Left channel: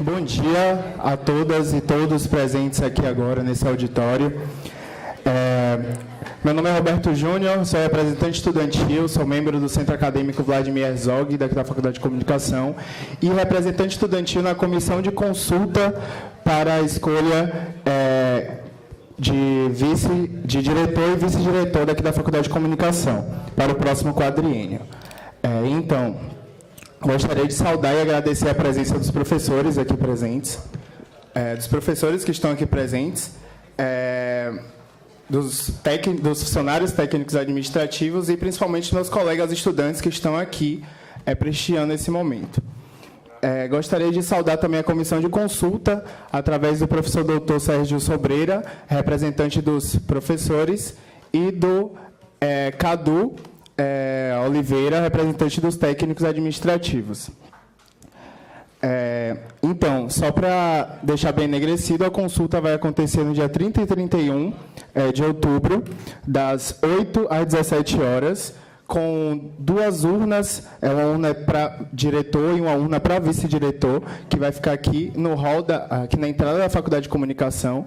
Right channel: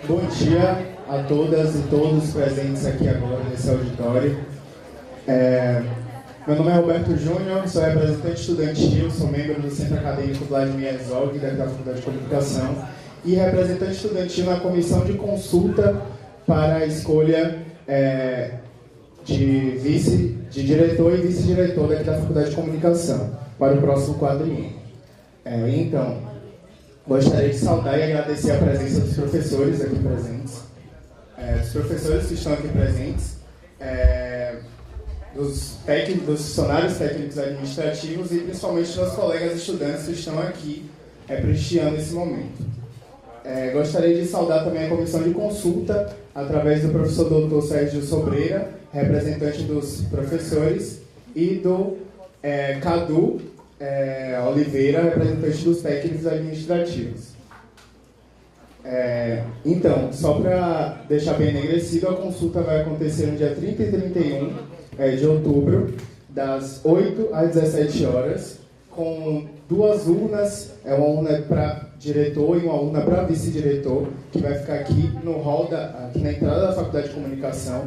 Bom dia a todas e todos presentes aqui agora nesse auditório. Meu nome é Roberto Júnior, sou representante estudantil, sou membro do Centro Acadêmico Vladimir Herzog, daqui da Faculdade de Comunicação, e representante estudantil na comissão de consulta para a escolha de diretor e vice-diretor daqui da Faculdade de Comunicação, para o próximo quadriênio. Gostaria de saudar e agradecer a presença dos professores aqui presentes, dos professores que estão aqui presentes, dos funcionários técnicos administrativos e principalmente dos colegas estudantes que estão aqui prestigiando esse momento. Gostaria de saudar também a comissão de consulta, através do professor Dr. Sérgio Sobreira, representante dos professores, e do Cadu Oliveira, representante dos técnicos administrativos. Então, só para deixar bem enegrecido, a consulta vai acontecer no dia 30 e 31 de outubro, das 8 às 17 horas, com 2 urnas, uma urna para diretor e uma urna para vice-diretor, que vai ficar aqui no hall, aqui na entrada da Faculdade de Comunicação.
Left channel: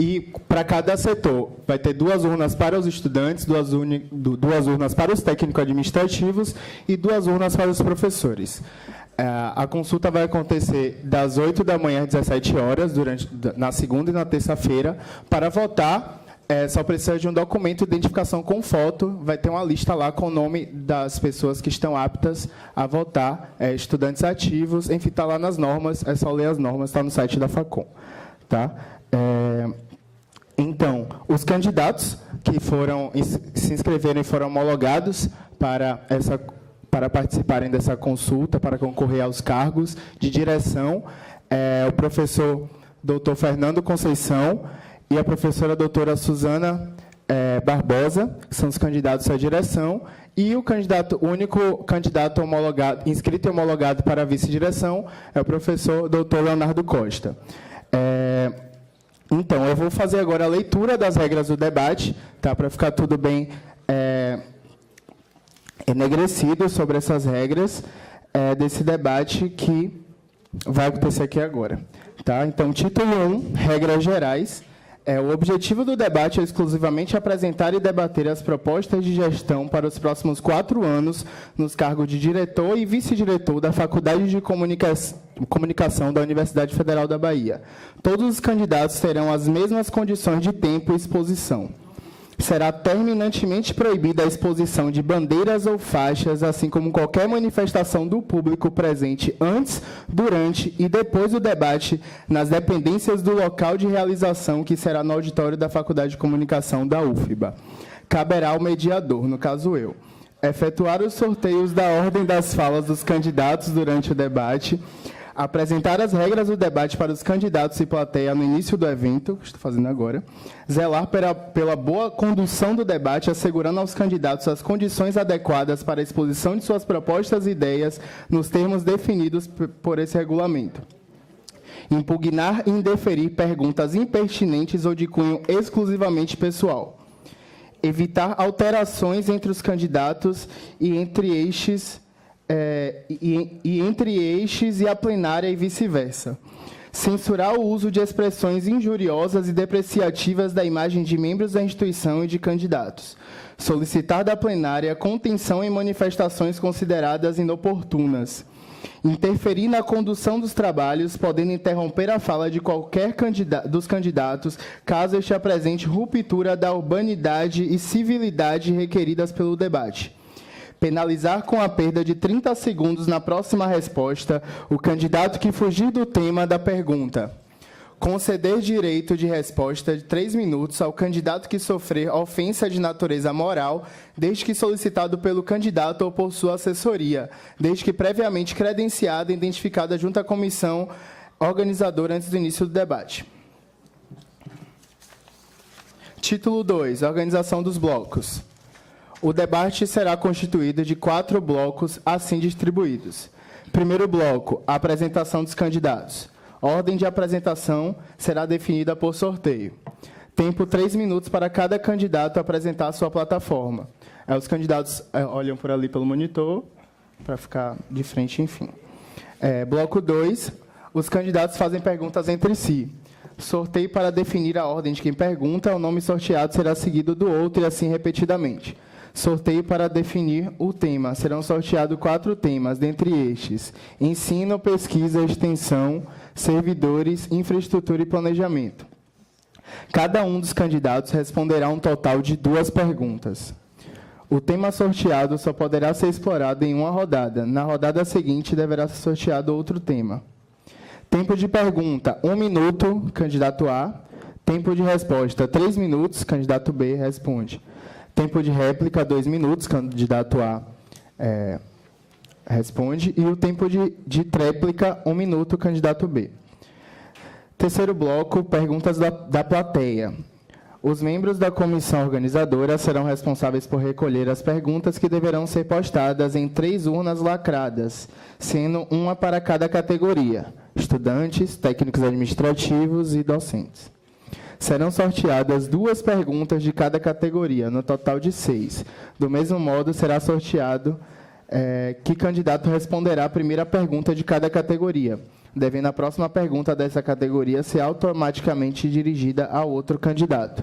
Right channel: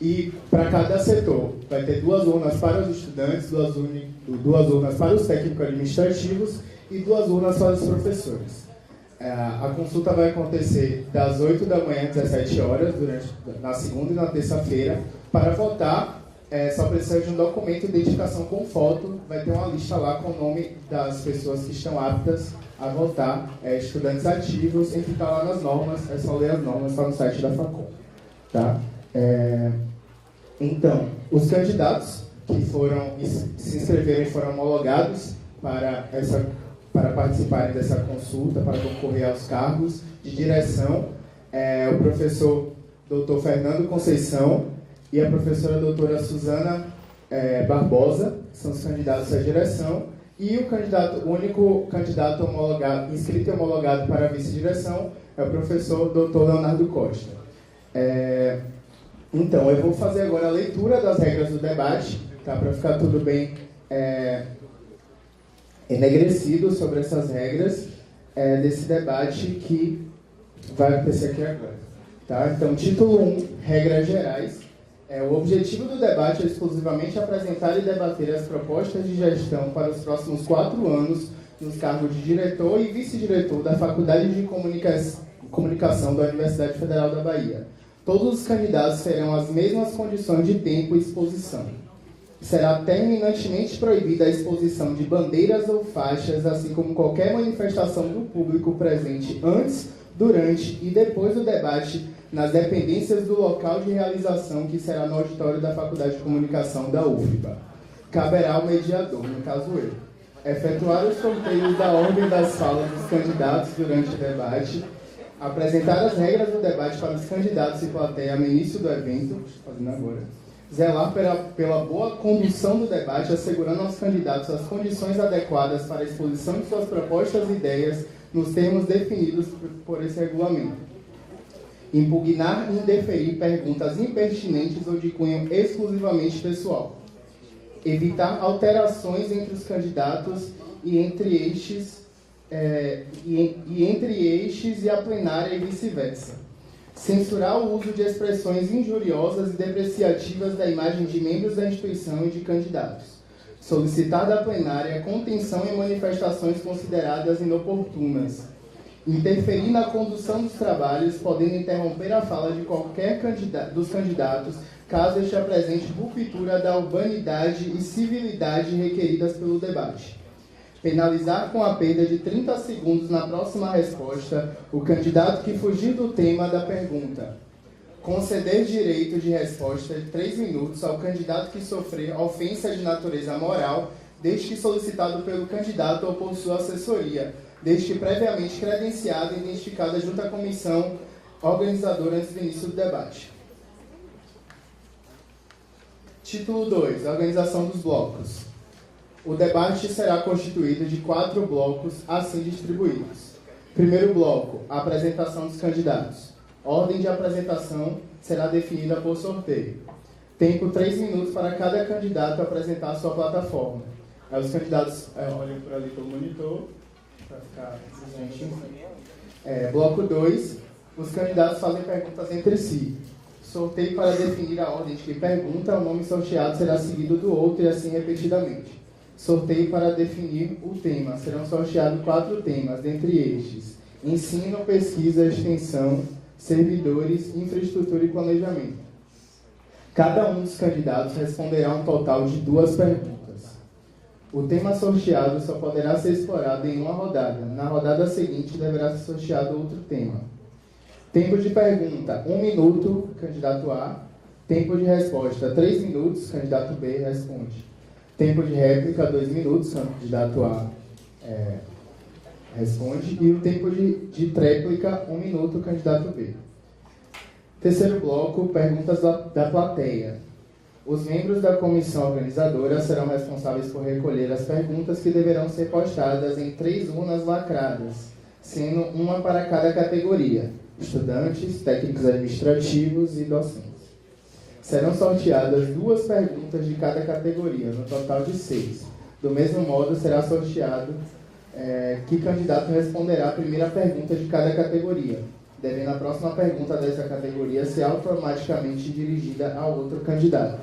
E para cada setor, vai ter 2 urnas para os estudantes, 2 urnas para os técnicos administrativos e 2 urnas para os professores. A consulta vai acontecer das 8 da manhã às 17 horas, na segunda e na terça-feira. Para votar, só precisa de um documento de identificação com foto. Vai ter uma lista lá com o nome das pessoas que estão aptas a votar, estudantes ativos, enfim, está lá nas normas, é só ler as normas, está no site da Facom. Tá? Então, os candidatos que se inscreverem foram homologados para participarem dessa consulta, para concorrer aos cargos de direção, o professor Dr. Fernando Conceição e a professora doutora Suzana Barbosa, que são os candidatos à direção, e o único candidato inscrito e homologado para a vice-direção é o professor Dr. Leonardo Costa. Então, eu vou fazer agora a leitura das regras do debate, tá? Para ficar tudo bem enegrecido sobre essas regras desse debate que vai acontecer aqui agora. Tá? Então, título 1, regras gerais. O objetivo do debate é exclusivamente apresentar e debater as propostas de gestão para os próximos 4 anos nos cargos de diretor e vice-diretor da Faculdade de Comunicação da Universidade Federal da Bahia. Todos os candidatos terão as mesmas condições de tempo e exposição. Será terminantemente proibida a exposição de bandeiras ou faixas, assim como qualquer manifestação do público presente antes, durante e depois do debate nas dependências do local de realização, que será no auditório da Faculdade de Comunicação da UFBA. Caberá ao mediador, no caso eu, efetuar os sorteios da ordem das falas dos candidatos durante o debate, apresentar as regras do debate para os candidatos e plateia no início do evento, que estou fazendo agora, zelar pela boa condução do debate, assegurando aos candidatos as condições adequadas para a exposição de suas propostas e ideias nos termos definidos por esse regulamento. Impugnar e indeferir perguntas impertinentes ou de cunho exclusivamente pessoal. Evitar alterações entre os candidatos e entre eixos e a plenária e vice-versa. Censurar o uso de expressões injuriosas e depreciativas da imagem de membros da instituição e de candidatos. Solicitar da plenária contenção em manifestações consideradas inoportunas. Interferir na condução dos trabalhos, podendo interromper a fala de qualquer dos candidatos, caso este apresente ruptura da urbanidade e civilidade requeridas pelo debate. Penalizar com a perda de 30 segundos na próxima resposta o candidato que fugir do tema da pergunta. Conceder direito de resposta de 3 minutos ao candidato que sofrer ofensa de natureza moral, desde que solicitado pelo candidato ou por sua assessoria, desde que previamente credenciada e identificada junto à comissão organizadora antes do início do debate. Título 2. Organização dos blocos. O debate será constituído de 4 blocos assim distribuídos. Primeiro bloco, a apresentação dos candidatos. A ordem de apresentação será definida por sorteio. Tempo 3 minutos para cada candidato apresentar sua plataforma. Os candidatos olham por ali pelo monitor, para ficar de frente, enfim. Bloco 2, os candidatos fazem perguntas entre si. Sorteio para definir a ordem de quem pergunta, o nome sorteado será seguido do outro e assim repetidamente. Sorteio para definir o tema. Serão sorteados 4 temas, dentre estes: ensino, pesquisa, extensão, servidores, infraestrutura e planejamento. Cada um dos candidatos responderá um total de 2 perguntas. O tema sorteado só poderá ser explorado em uma rodada. Na rodada seguinte, deverá ser sorteado outro tema. Tempo de pergunta, 1 minuto, candidato A. Tempo de resposta, 3 minutos, candidato B responde. Tempo de réplica, 2 minutos, candidato A responde. E o tempo de tréplica, 1 minuto, candidato B. Terceiro bloco, perguntas da plateia. Os membros da comissão organizadora serão responsáveis por recolher as perguntas que deverão ser postadas em 3 urnas lacradas, sendo uma para cada categoria: estudantes, técnicos administrativos e docentes. Serão sorteadas 2 perguntas de cada categoria, no total de 6. Do mesmo modo, será sorteado que candidato responderá a primeira pergunta de cada categoria, devendo a próxima pergunta dessa categoria ser automaticamente dirigida a outro candidato.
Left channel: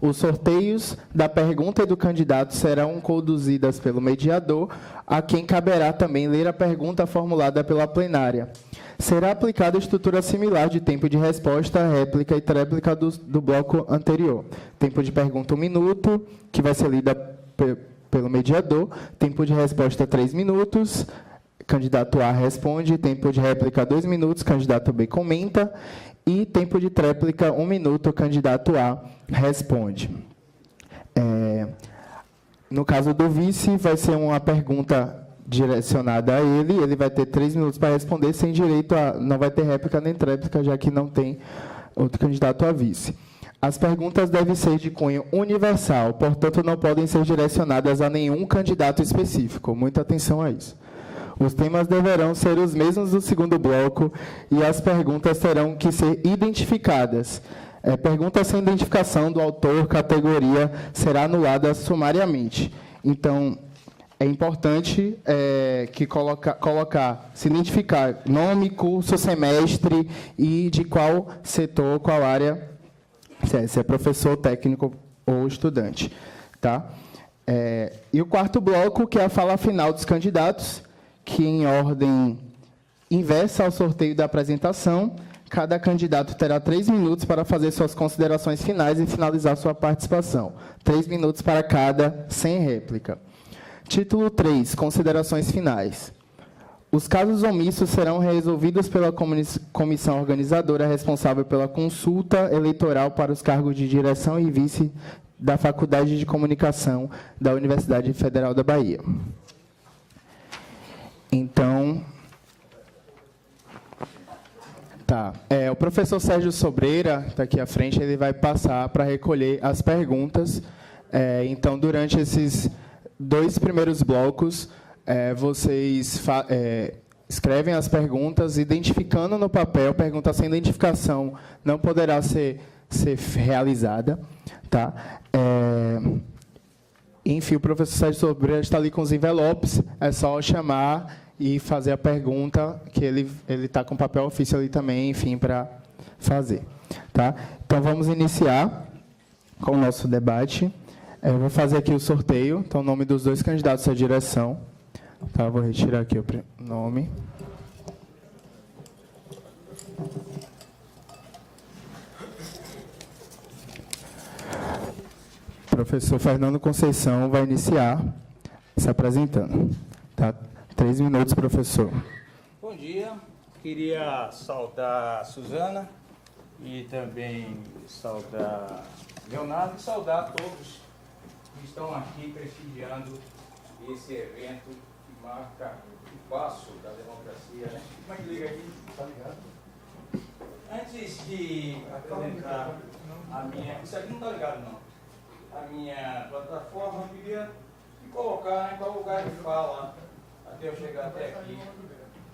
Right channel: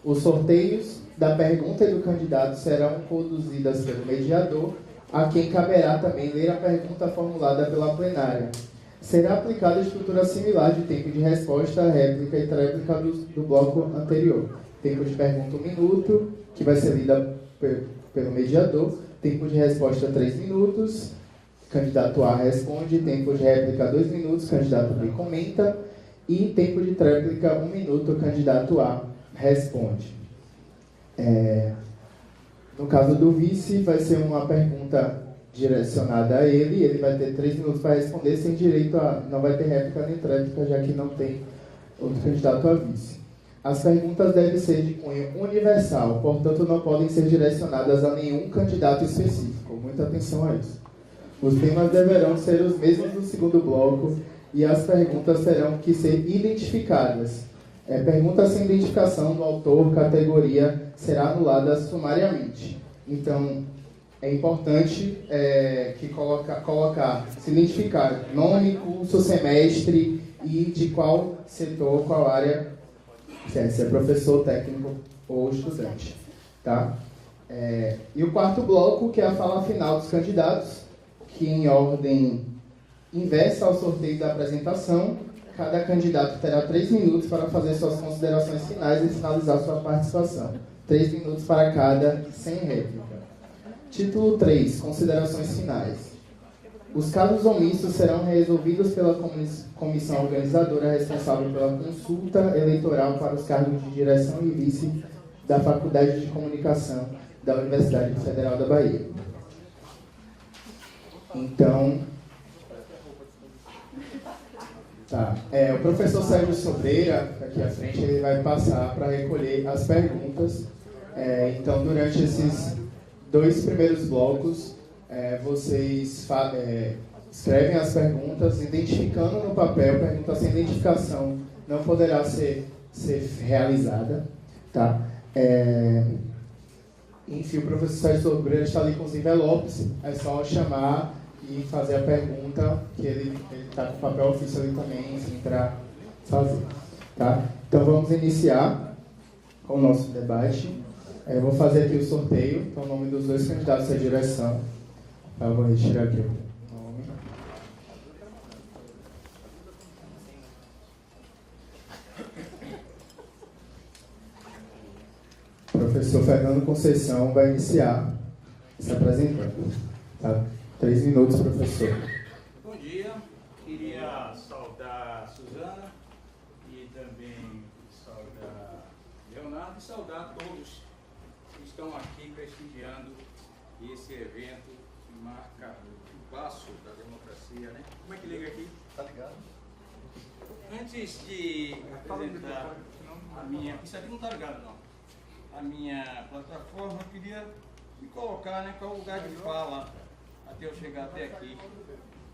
Os sorteios da pergunta e do candidato serão conduzidas pelo mediador, a quem caberá também ler a pergunta formulada pela plenária. Será aplicada a estrutura similar de tempo de resposta, réplica e tréplica do bloco anterior. Tempo de pergunta 1 minuto, que vai ser lida pelo mediador. Tempo de resposta 3 minutos, candidato A responde. Tempo de réplica 2 minutos, candidato B comenta. E tempo de tréplica 1 minuto, candidato A responde. No caso do vice, vai ser uma pergunta direcionada a ele vai ter 3 minutos para responder, sem direito não vai ter réplica nem tréplica, já que não tem outro candidato a vice. As perguntas devem ser de cunho universal, portanto não podem ser direcionadas a nenhum candidato específico. Muita atenção a isso. Os temas deverão ser os mesmos do segundo bloco e as perguntas terão que ser identificadas. Pergunta sem identificação do autor, categoria, será anulada sumariamente. Então, é importante se identificar nome, curso, semestre e de qual setor, qual área, se é professor, técnico ou estudante. Tá? E o quarto bloco, que é a fala final dos candidatos, que em ordem inversa ao sorteio da apresentação, cada candidato terá 3 minutos para fazer suas considerações finais e finalizar sua participação. 3 minutos para cada, sem réplica. Título 3. Considerações finais. Os casos omissos serão resolvidos pela comissão organizadora responsável pela consulta eleitoral para os cargos de direção e vice da Faculdade de Comunicação da Universidade Federal da Bahia. Então, o professor Sérgio Sobreira, está aqui à frente, ele vai passar para recolher as perguntas. Então, durante esses 2 primeiros blocos, vocês escrevem as perguntas, identificando no papel. Pergunta sem identificação não poderá ser realizada. Tá? Enfim, o professor Sérgio Sobreira está ali com os envelopes, é só chamar e fazer a pergunta, que ele está com papel ofício ali também, enfim, para fazer. Tá? Então, vamos iniciar com o nosso debate. Eu vou fazer aqui o sorteio, então, o nome dos 2 candidatos à direção. Tá, vou retirar aqui o nome. O professor Fernando Conceição vai iniciar se apresentando. Tá? 3 minutos, professor. Bom dia. Queria saudar a Suzana e também saudar Leonardo e saudar todos que estão aqui prestigiando esse evento que marca o passo da democracia, né? Como é que liga aqui? Tá ligado? Antes de apresentar a minha... Isso aqui não tá ligado, não. A minha plataforma, eu queria me colocar, né, qual lugar de fala até eu chegar até aqui.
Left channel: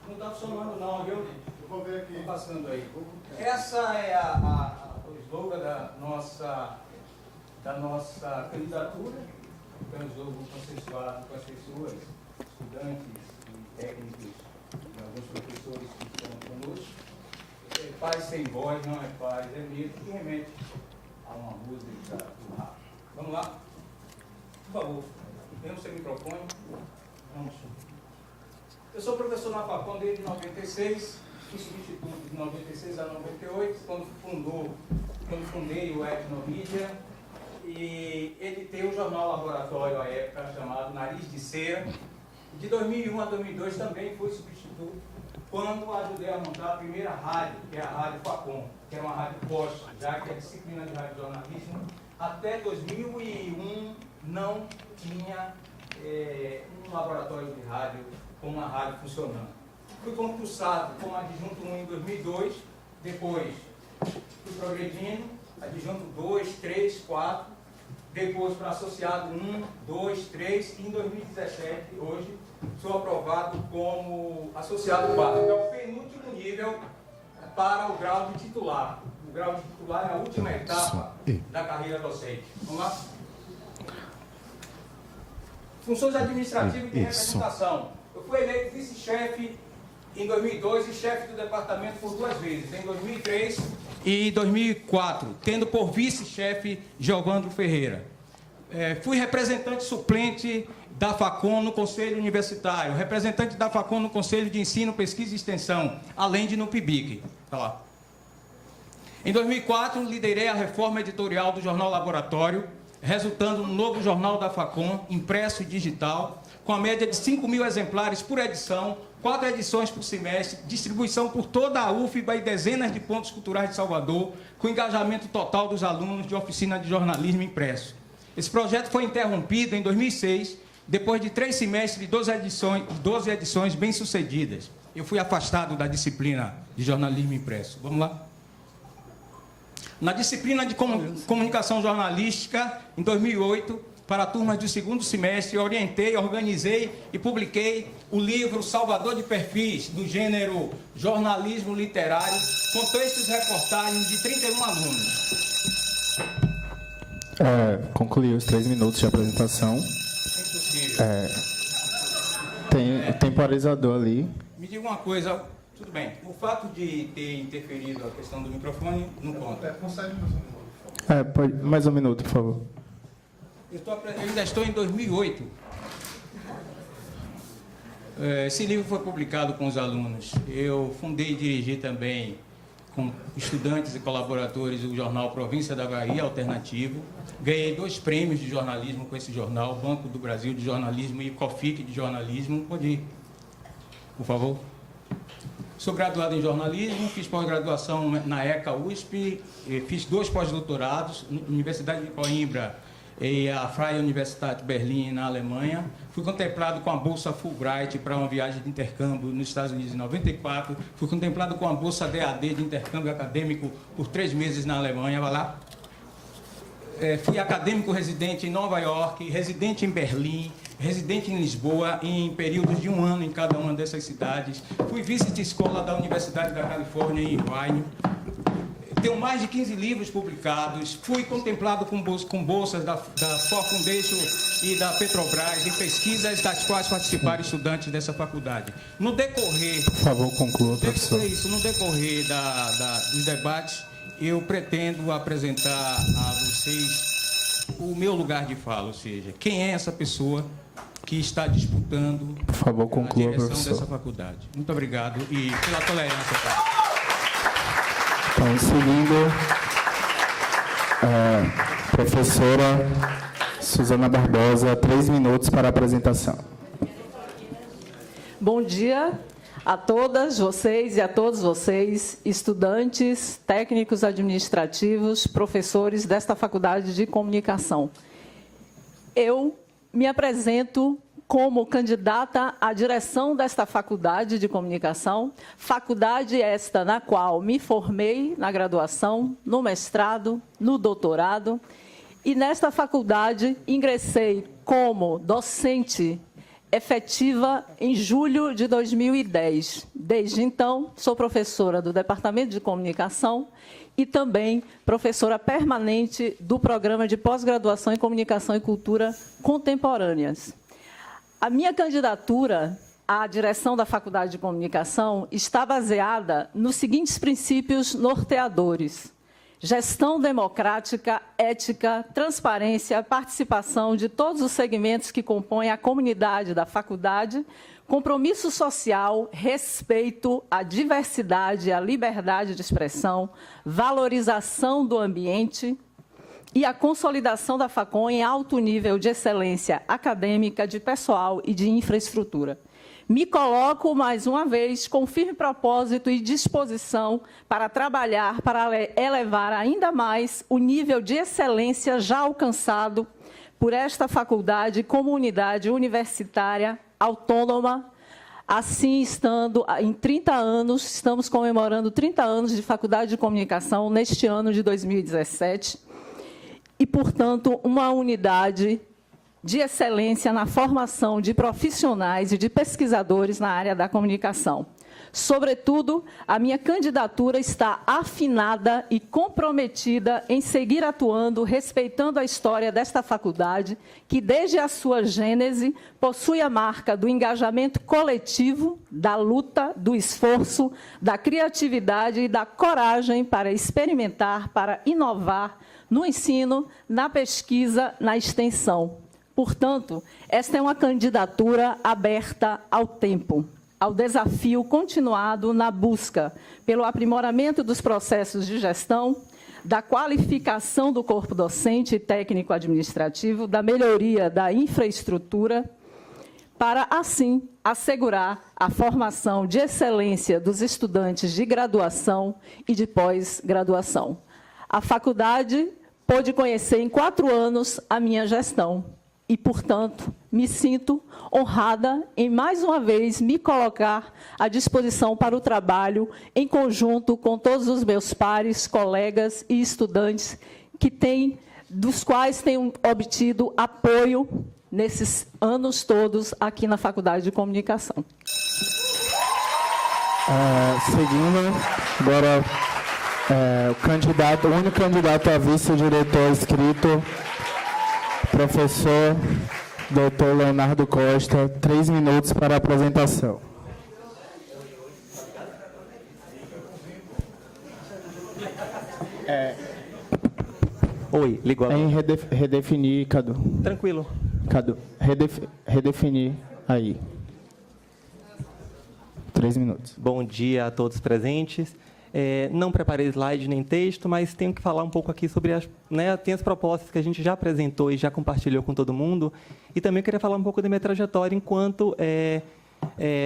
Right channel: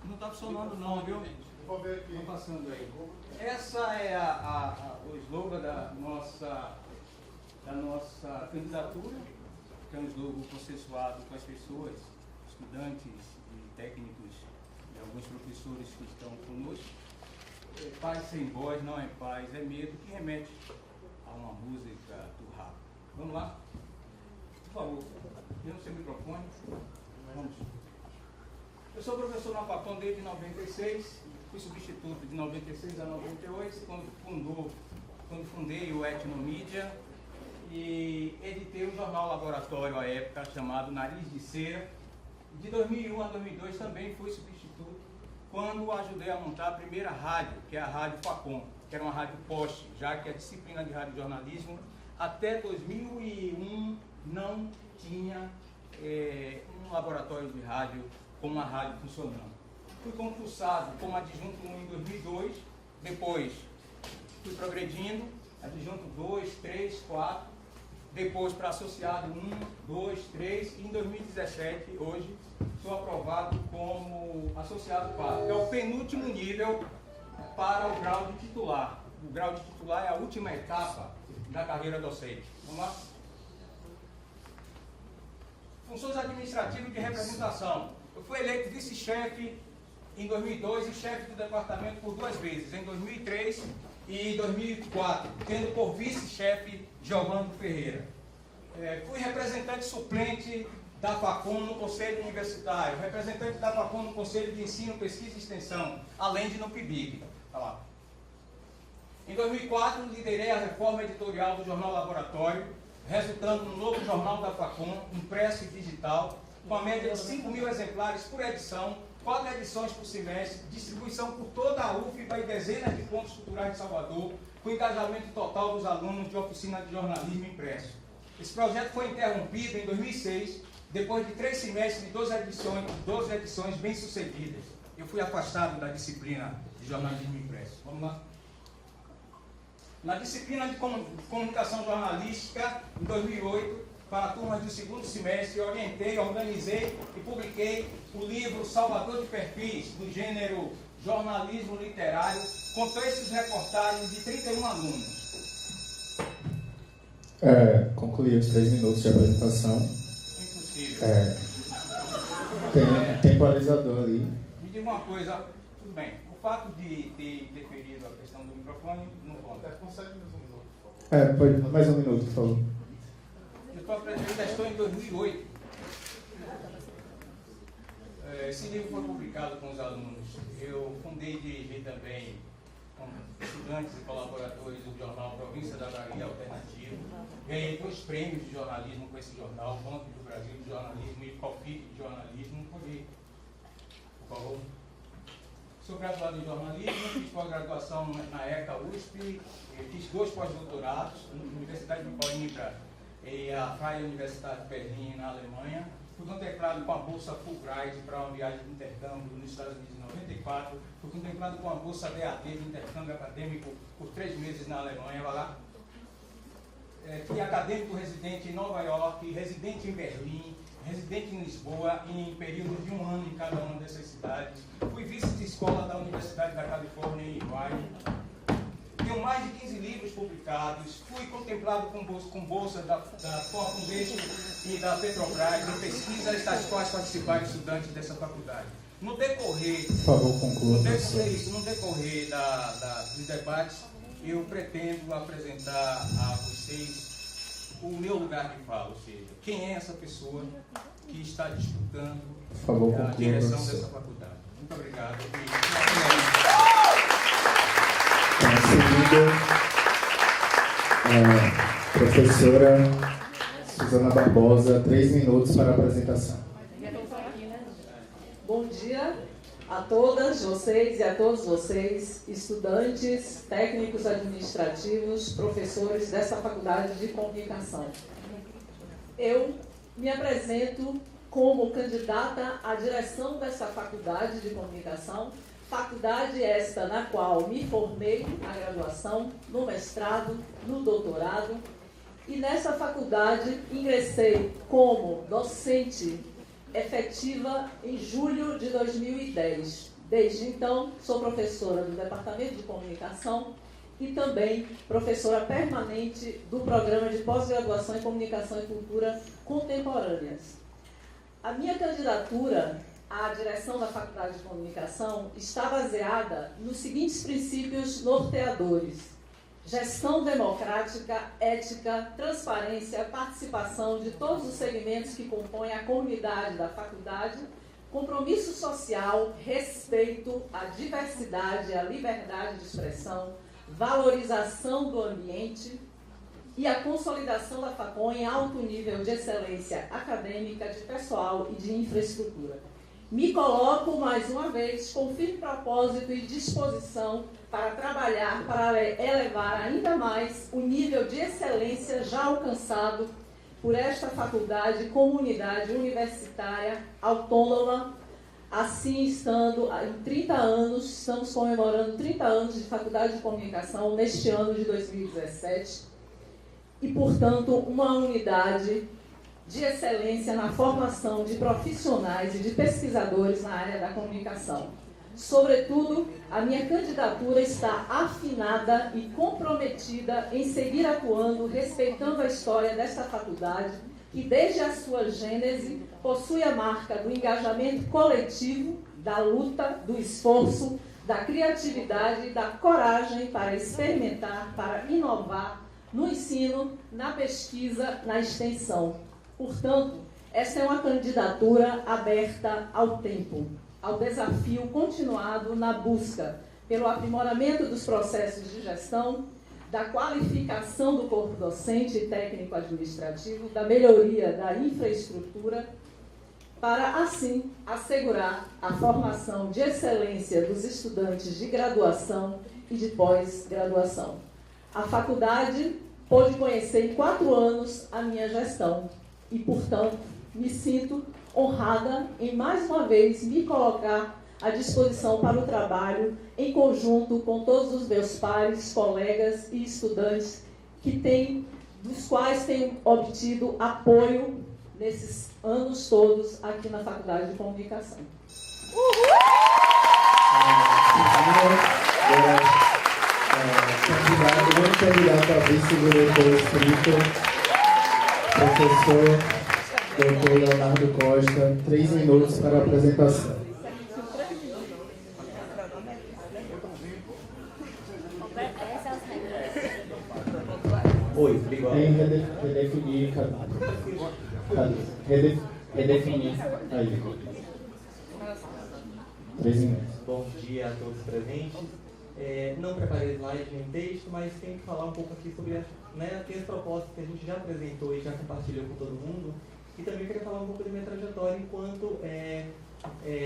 Não está funcionando não, viu? Vou ver aqui. Estou passando aí. Essa é o slogan da nossa candidatura. Então, o slogan consensuado com as pessoas, estudantes e técnicos de alguns professores que estão conosco. Paz sem voz não é paz, é medo, que remete a uma música do rap. Vamos lá? Por favor, tem o seu microfone. Vamos. Eu sou professor na Facom desde 96, fui substituto de 96 a 98, quando fundei o Etnomídia e editei o jornal laboratório à época chamado Nariz de Cera. De 2001 a 2002 também fui substituto quando ajudei a montar a primeira rádio, que é a Rádio Facom, que era uma rádio posta, já que a disciplina de radiojornalismo até 2001 não tinha um laboratório de rádio com uma rádio funcionando. Fui concursado como adjunto 1 em 2002, depois fui progredindo, adjunto 2, 3, 4, depois para associado 1, 2, 3, e em 2017, hoje, sou aprovado como associado 4, que é o penúltimo nível para o grau de titular. O grau de titular é a última etapa da carreira docente. Vamos lá? Funções administrativas e de representação. Eu fui eleito vice-chefe em 2002 e chefe do departamento por 2 vezes, em 2003 e 2004, tendo por vice-chefe Giovandro Ferreira. Fui representante suplente da Facom no Conselho Universitário, representante da Facom no Conselho de Ensino, Pesquisa e Extensão, além de no PIBIC. Tá lá. Em 2004, liderei a reforma editorial do Jornal Laboratório, resultando no novo jornal da Facom, impresso e digital, com a média de 5.000 exemplares por edição, 4 edições por semestre, distribuição por toda a UFBA e dezenas de pontos culturais de Salvador, com engajamento total dos alunos de oficina de jornalismo impresso. Esse projeto foi interrompido em 2006, depois de 3 semestres e 12 edições bem-sucedidas. Eu fui afastado da disciplina de jornalismo impresso. Vamos lá? Na disciplina de comunicação jornalística, em 2008, para a turma do 2º semestre, orientei, organizei e publiquei o livro Salvador de Perfis, do gênero jornalismo literário, com textos e reportagens de 31 alunos. Concluí os 3 minutos de apresentação. Tem temporizador ali. Me diga uma coisa, tudo bem, o fato de ter interferido a questão do microfone não conta. Mais um minuto, por favor. Eu ainda estou em 2008. Esse livro foi publicado com os alunos. Eu fundei e dirigi também, com estudantes e colaboradores, o jornal Província da Bahia Alternativo. Ganhei 2 prêmios de jornalismo com esse jornal, Banco do Brasil de Jornalismo e COFIC de Jornalismo. Pode ir, por favor. Sou graduado em jornalismo, fiz pós-graduação na ECA USP, fiz 2 pós-doutorados, na Universidade de Coimbra e a Freie Universität Berlim, na Alemanha. Fui contemplado com a Bolsa Fulbright para uma viagem de intercâmbio nos Estados Unidos em 94. Fui contemplado com a Bolsa DAD de intercâmbio acadêmico por 3 meses na Alemanha. Vai lá. Fui acadêmico residente em Nova York, residente em Berlim, residente em Lisboa, em períodos de 1 ano em cada uma dessas cidades. Fui vice de escola da Universidade da Califórnia, em Irvine. Tenho mais de 15 livros publicados. Fui contemplado com bolsas da Ford Foundation e da Petrobras em pesquisas das quais participaram estudantes dessa faculdade. No decorrer... Por favor, conclua, professor. No decorrer dos debates, eu pretendo apresentar a vocês o meu lugar de fala, ou seja, quem é essa pessoa que está disputando por favor, conclua, a direção professor. dessa faculdade. Muito obrigado e pela tolerância. Professora Suzana Barbosa, 3 minutos para a apresentação. Bom dia a todas vocês e a todos vocês, estudantes, técnicos administrativos, professores desta Faculdade de Comunicação. Eu me apresento como candidata à direção desta Faculdade de Comunicação, faculdade esta na qual me formei na graduação, no mestrado, no doutorado, e nesta faculdade ingressei como docente efetiva em julho de 2010. Desde então, sou professora do Departamento de Comunicação e também professora permanente do Programa de Pós-Graduação em Comunicação e Cultura Contemporâneas. A minha candidatura a direção da Faculdade de Comunicação está baseada nos seguintes princípios norteadores: gestão democrática, ética, transparência, participação de todos os segmentos que compõem a comunidade da faculdade, compromisso social, respeito à diversidade e à liberdade de expressão, valorização do ambiente e a consolidação da Facom em alto nível de excelência acadêmica, de pessoal e de infraestrutura. Me coloco, mais uma vez, com firme propósito e disposição para trabalhar para elevar ainda mais o nível de excelência já alcançado por esta faculdade, comunidade universitária autônoma. Assim, estando em 30 anos, estamos comemorando 30 anos de Faculdade de Comunicação neste ano de 2017, e, portanto, uma unidade de excelência na formação de profissionais e de pesquisadores na área da comunicação. Sobretudo, a minha candidatura está afinada e comprometida em seguir atuando, respeitando a história desta faculdade, que, desde a sua gênese, possui a marca do engajamento coletivo, da luta, do esforço, da criatividade e da coragem para experimentar, para inovar no ensino, na pesquisa, na extensão. Portanto, esta é uma candidatura aberta ao tempo, ao desafio continuado na busca pelo aprimoramento dos processos de gestão, da qualificação do corpo docente e técnico-administrativo, da melhoria da infraestrutura, para, assim, assegurar a formação de excelência dos estudantes de graduação e de pós-graduação. A faculdade pôde conhecer em 4 anos a minha gestão e, portanto, me sinto honrada em, mais uma vez, me colocar à disposição para o trabalho em conjunto com todos os meus pares, colegas e estudantes dos quais tenho obtido apoio nesses anos todos aqui na Faculdade de Comunicação. A segunda, agora, candidato a vice-diretor inscrito, professor Dr. Leonardo Costa, 3 minutos para a apresentação. Oi, ligou. Redefinir, Cadu. Tranquilo. Cadu, redefinir aí. 3 minutos. Bom dia a todos presentes. Não preparei slide nem texto, mas tenho que falar um pouco aqui sobre tem as propostas que a gente já apresentou e já compartilhou com todo mundo. E também queria falar um pouco da minha trajetória enquanto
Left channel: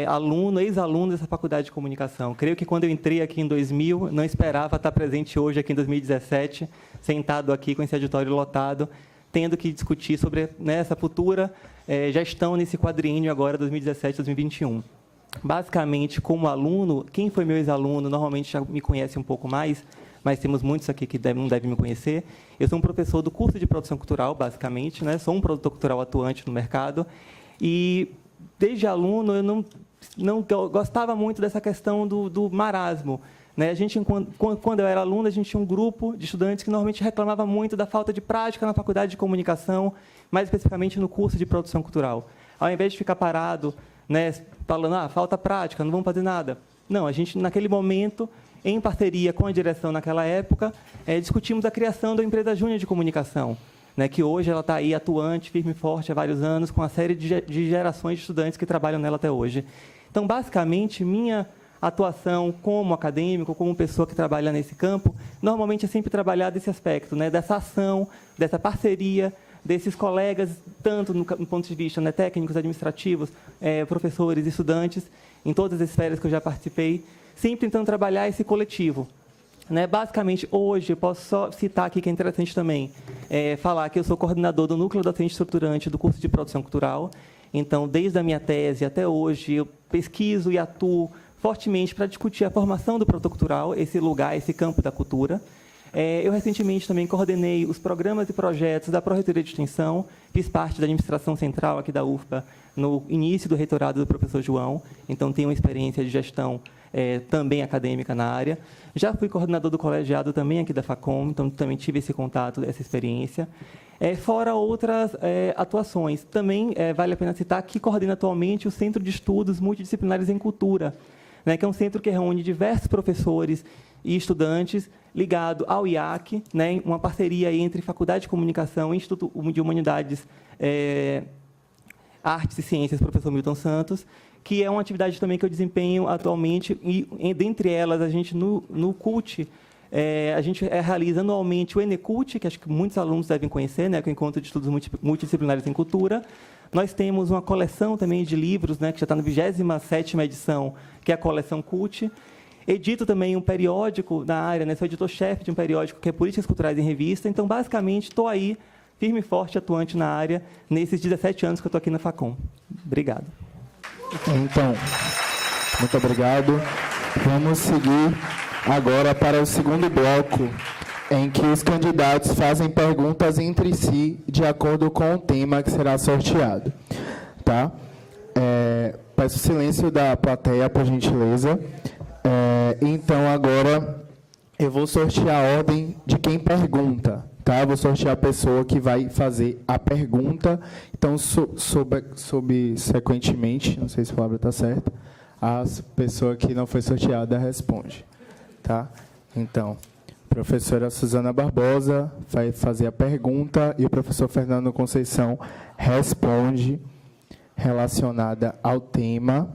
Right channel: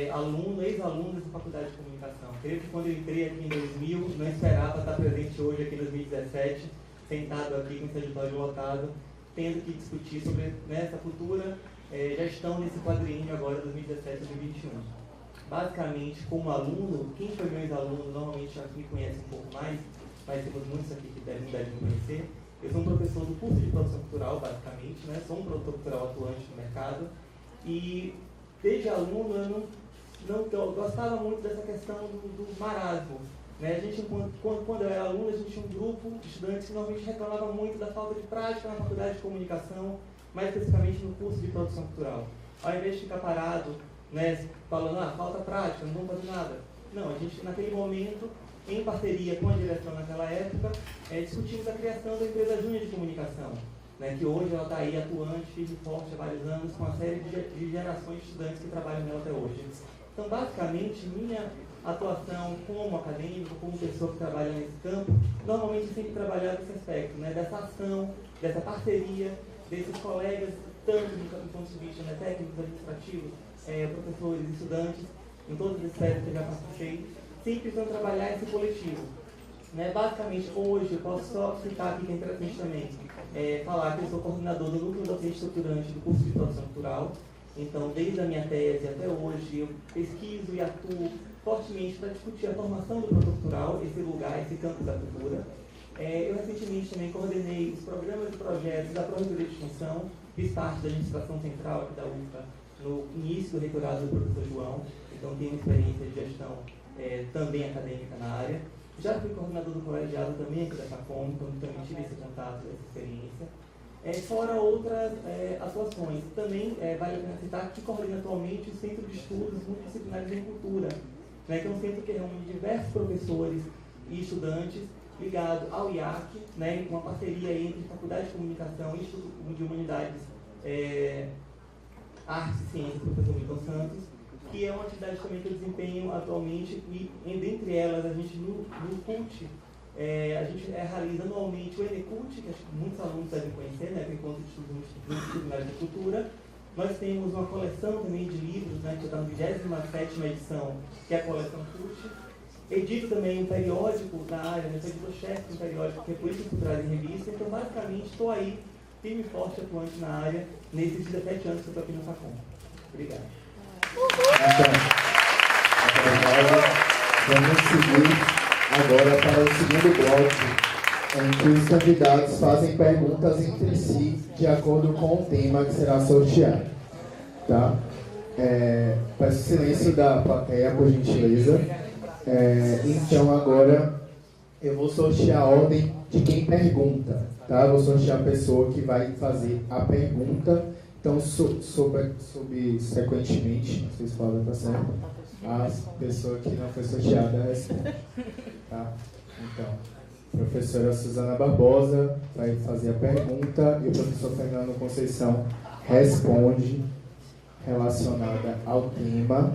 aluno, ex-aluno dessa faculdade de comunicação. Creio que quando eu entrei aqui em 2000, não esperava estar presente hoje aqui em 2017, sentado aqui com esse auditório lotado, tendo que discutir sobre essa futura gestão nesse quadriênio agora, 2017-2021. Basicamente, como aluno, quem foi meu ex-aluno normalmente já me conhece um pouco mais, mas temos muitos aqui que não devem me conhecer. Eu sou um professor do curso de produção cultural, basicamente, sou um produtor cultural atuante no mercado, e desde aluno eu não gostava muito dessa questão do marasmo. A gente, quando eu era aluno, a gente tinha um grupo de estudantes que normalmente reclamava muito da falta de prática na faculdade de comunicação, mais especificamente no curso de produção cultural. Ao invés de ficar parado, falando, falta prática, não vamos fazer nada. Não, a gente, naquele momento, em parceria com a direção naquela época, discutimos a criação da empresa Júnior de Comunicação, que hoje ela está aí atuante, firme e forte há vários anos, com uma série de gerações de estudantes que trabalham nela até hoje. Então, basicamente, minha atuação como acadêmico, como pessoa que trabalha nesse campo, normalmente é sempre trabalhar desse aspecto, dessa ação, dessa parceria, desses colegas, tanto no ponto de vista técnicos, administrativos, professores, estudantes, em todas as esferas que eu já participei, sempre tentando trabalhar esse coletivo. Basicamente, hoje, eu posso só citar aqui que é interessante também, falar que eu sou coordenador do Núcleo Docente Estruturante do curso de Produção Cultural. Então, desde a minha tese até hoje, eu pesquiso e atuo fortemente para discutir a formação do produtor cultural, esse lugar, esse campo da cultura. Eu, recentemente, também coordenei os programas e projetos da Pró-Reitoria de Extensão, fiz parte da administração central aqui da UFPA, no início do reitorado do professor João, então tenho uma experiência de gestão também acadêmica na área. Já fui coordenador do colegiado também aqui da Facom, então também tive esse contato, essa experiência. fora outras atuações. Também vale a pena citar que coordena atualmente o Centro de Estudos Multidisciplinares em Cultura, né, que é um centro que reúne diversos professores e estudantes ligado ao IAC, né, uma parceria entre Faculdade de Comunicação e Instituto de Humanidades, Artes e Ciências, professor Milton Santos, que é uma atividade também que eu desempenho atualmente, e dentre elas, a gente, no CUT, a gente realiza anualmente o ENECUT, que acho que muitos alunos devem conhecer, né, que é o Encontro de Estudos Multidisciplinares em Cultura. Nós temos uma coleção também de livros, né, que já está na 27ª edição, que é a coleção CUT. Edito também um periódico na área, né, sou editor-chefe de um periódico que é Políticas Culturais em Revista. Então, basicamente, estou aí, firme e forte, atuante na área, nesses 17 anos que eu estou aqui na Facom. Obrigado. Então, muito obrigado. Vamos seguir agora para o segundo bloco, em que os candidatos fazem perguntas entre si de acordo com o tema que será sorteado. Tá? Peço silêncio da plateia, por gentileza. Então, agora, eu vou sortear a ordem de quem pergunta. Tá? Vou sortear a pessoa que vai fazer a pergunta. Então, subsequentemente, não sei se a palavra está certa, a pessoa que não foi sorteada responde. Tá? Então, a professora Suzana Barbosa vai fazer a pergunta e o professor Fernando Conceição responde relacionada ao tema.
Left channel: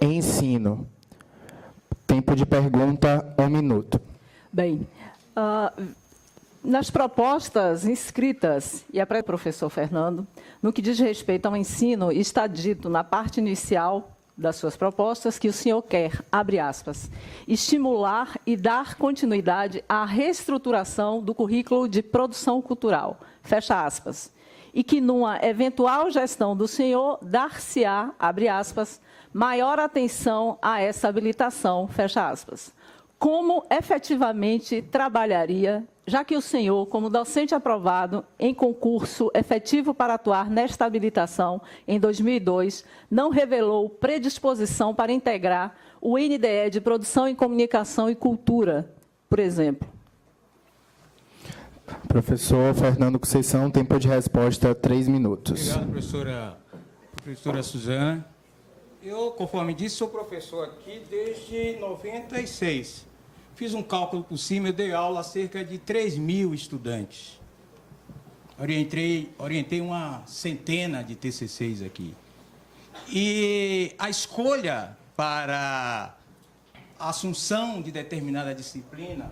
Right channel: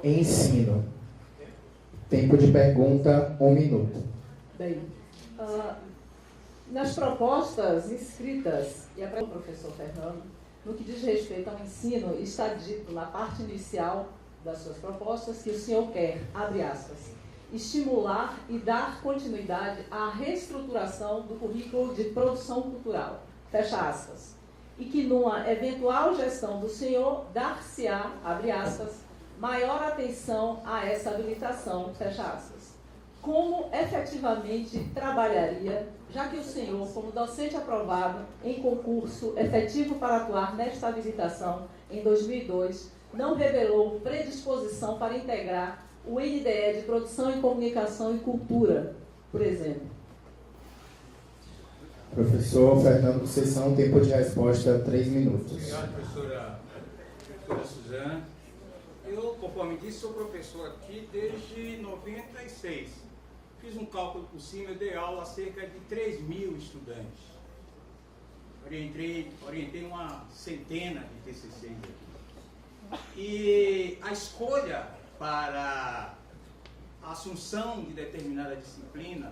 Ensino. Tempo de pergunta, 1 minuto. Bem, nas propostas inscritas, e para o professor Fernando, no que diz respeito ao ensino, está dito na parte inicial das suas propostas que o senhor quer, abre aspas, estimular e dar continuidade à reestruturação do currículo de produção cultural, fecha aspas, e que numa eventual gestão do senhor dar-se-á, abre aspas, maior atenção a essa habilitação, fecha aspas. Como efetivamente trabalharia, já que o senhor, como docente aprovado em concurso efetivo para atuar nesta habilitação em 2002, não revelou predisposição para integrar o NDE de Produção em Comunicação e Cultura, por exemplo? Professor Fernando Conceição, tempo de resposta, 3 minutos. Obrigado, professora Suzana. Eu, conforme disse, sou professor aqui desde 96. Fiz um cálculo por cima, eu dei aula a cerca de 3.000 estudantes. Orientei uma centena de TCCs aqui. E a escolha para a assunção de determinada disciplina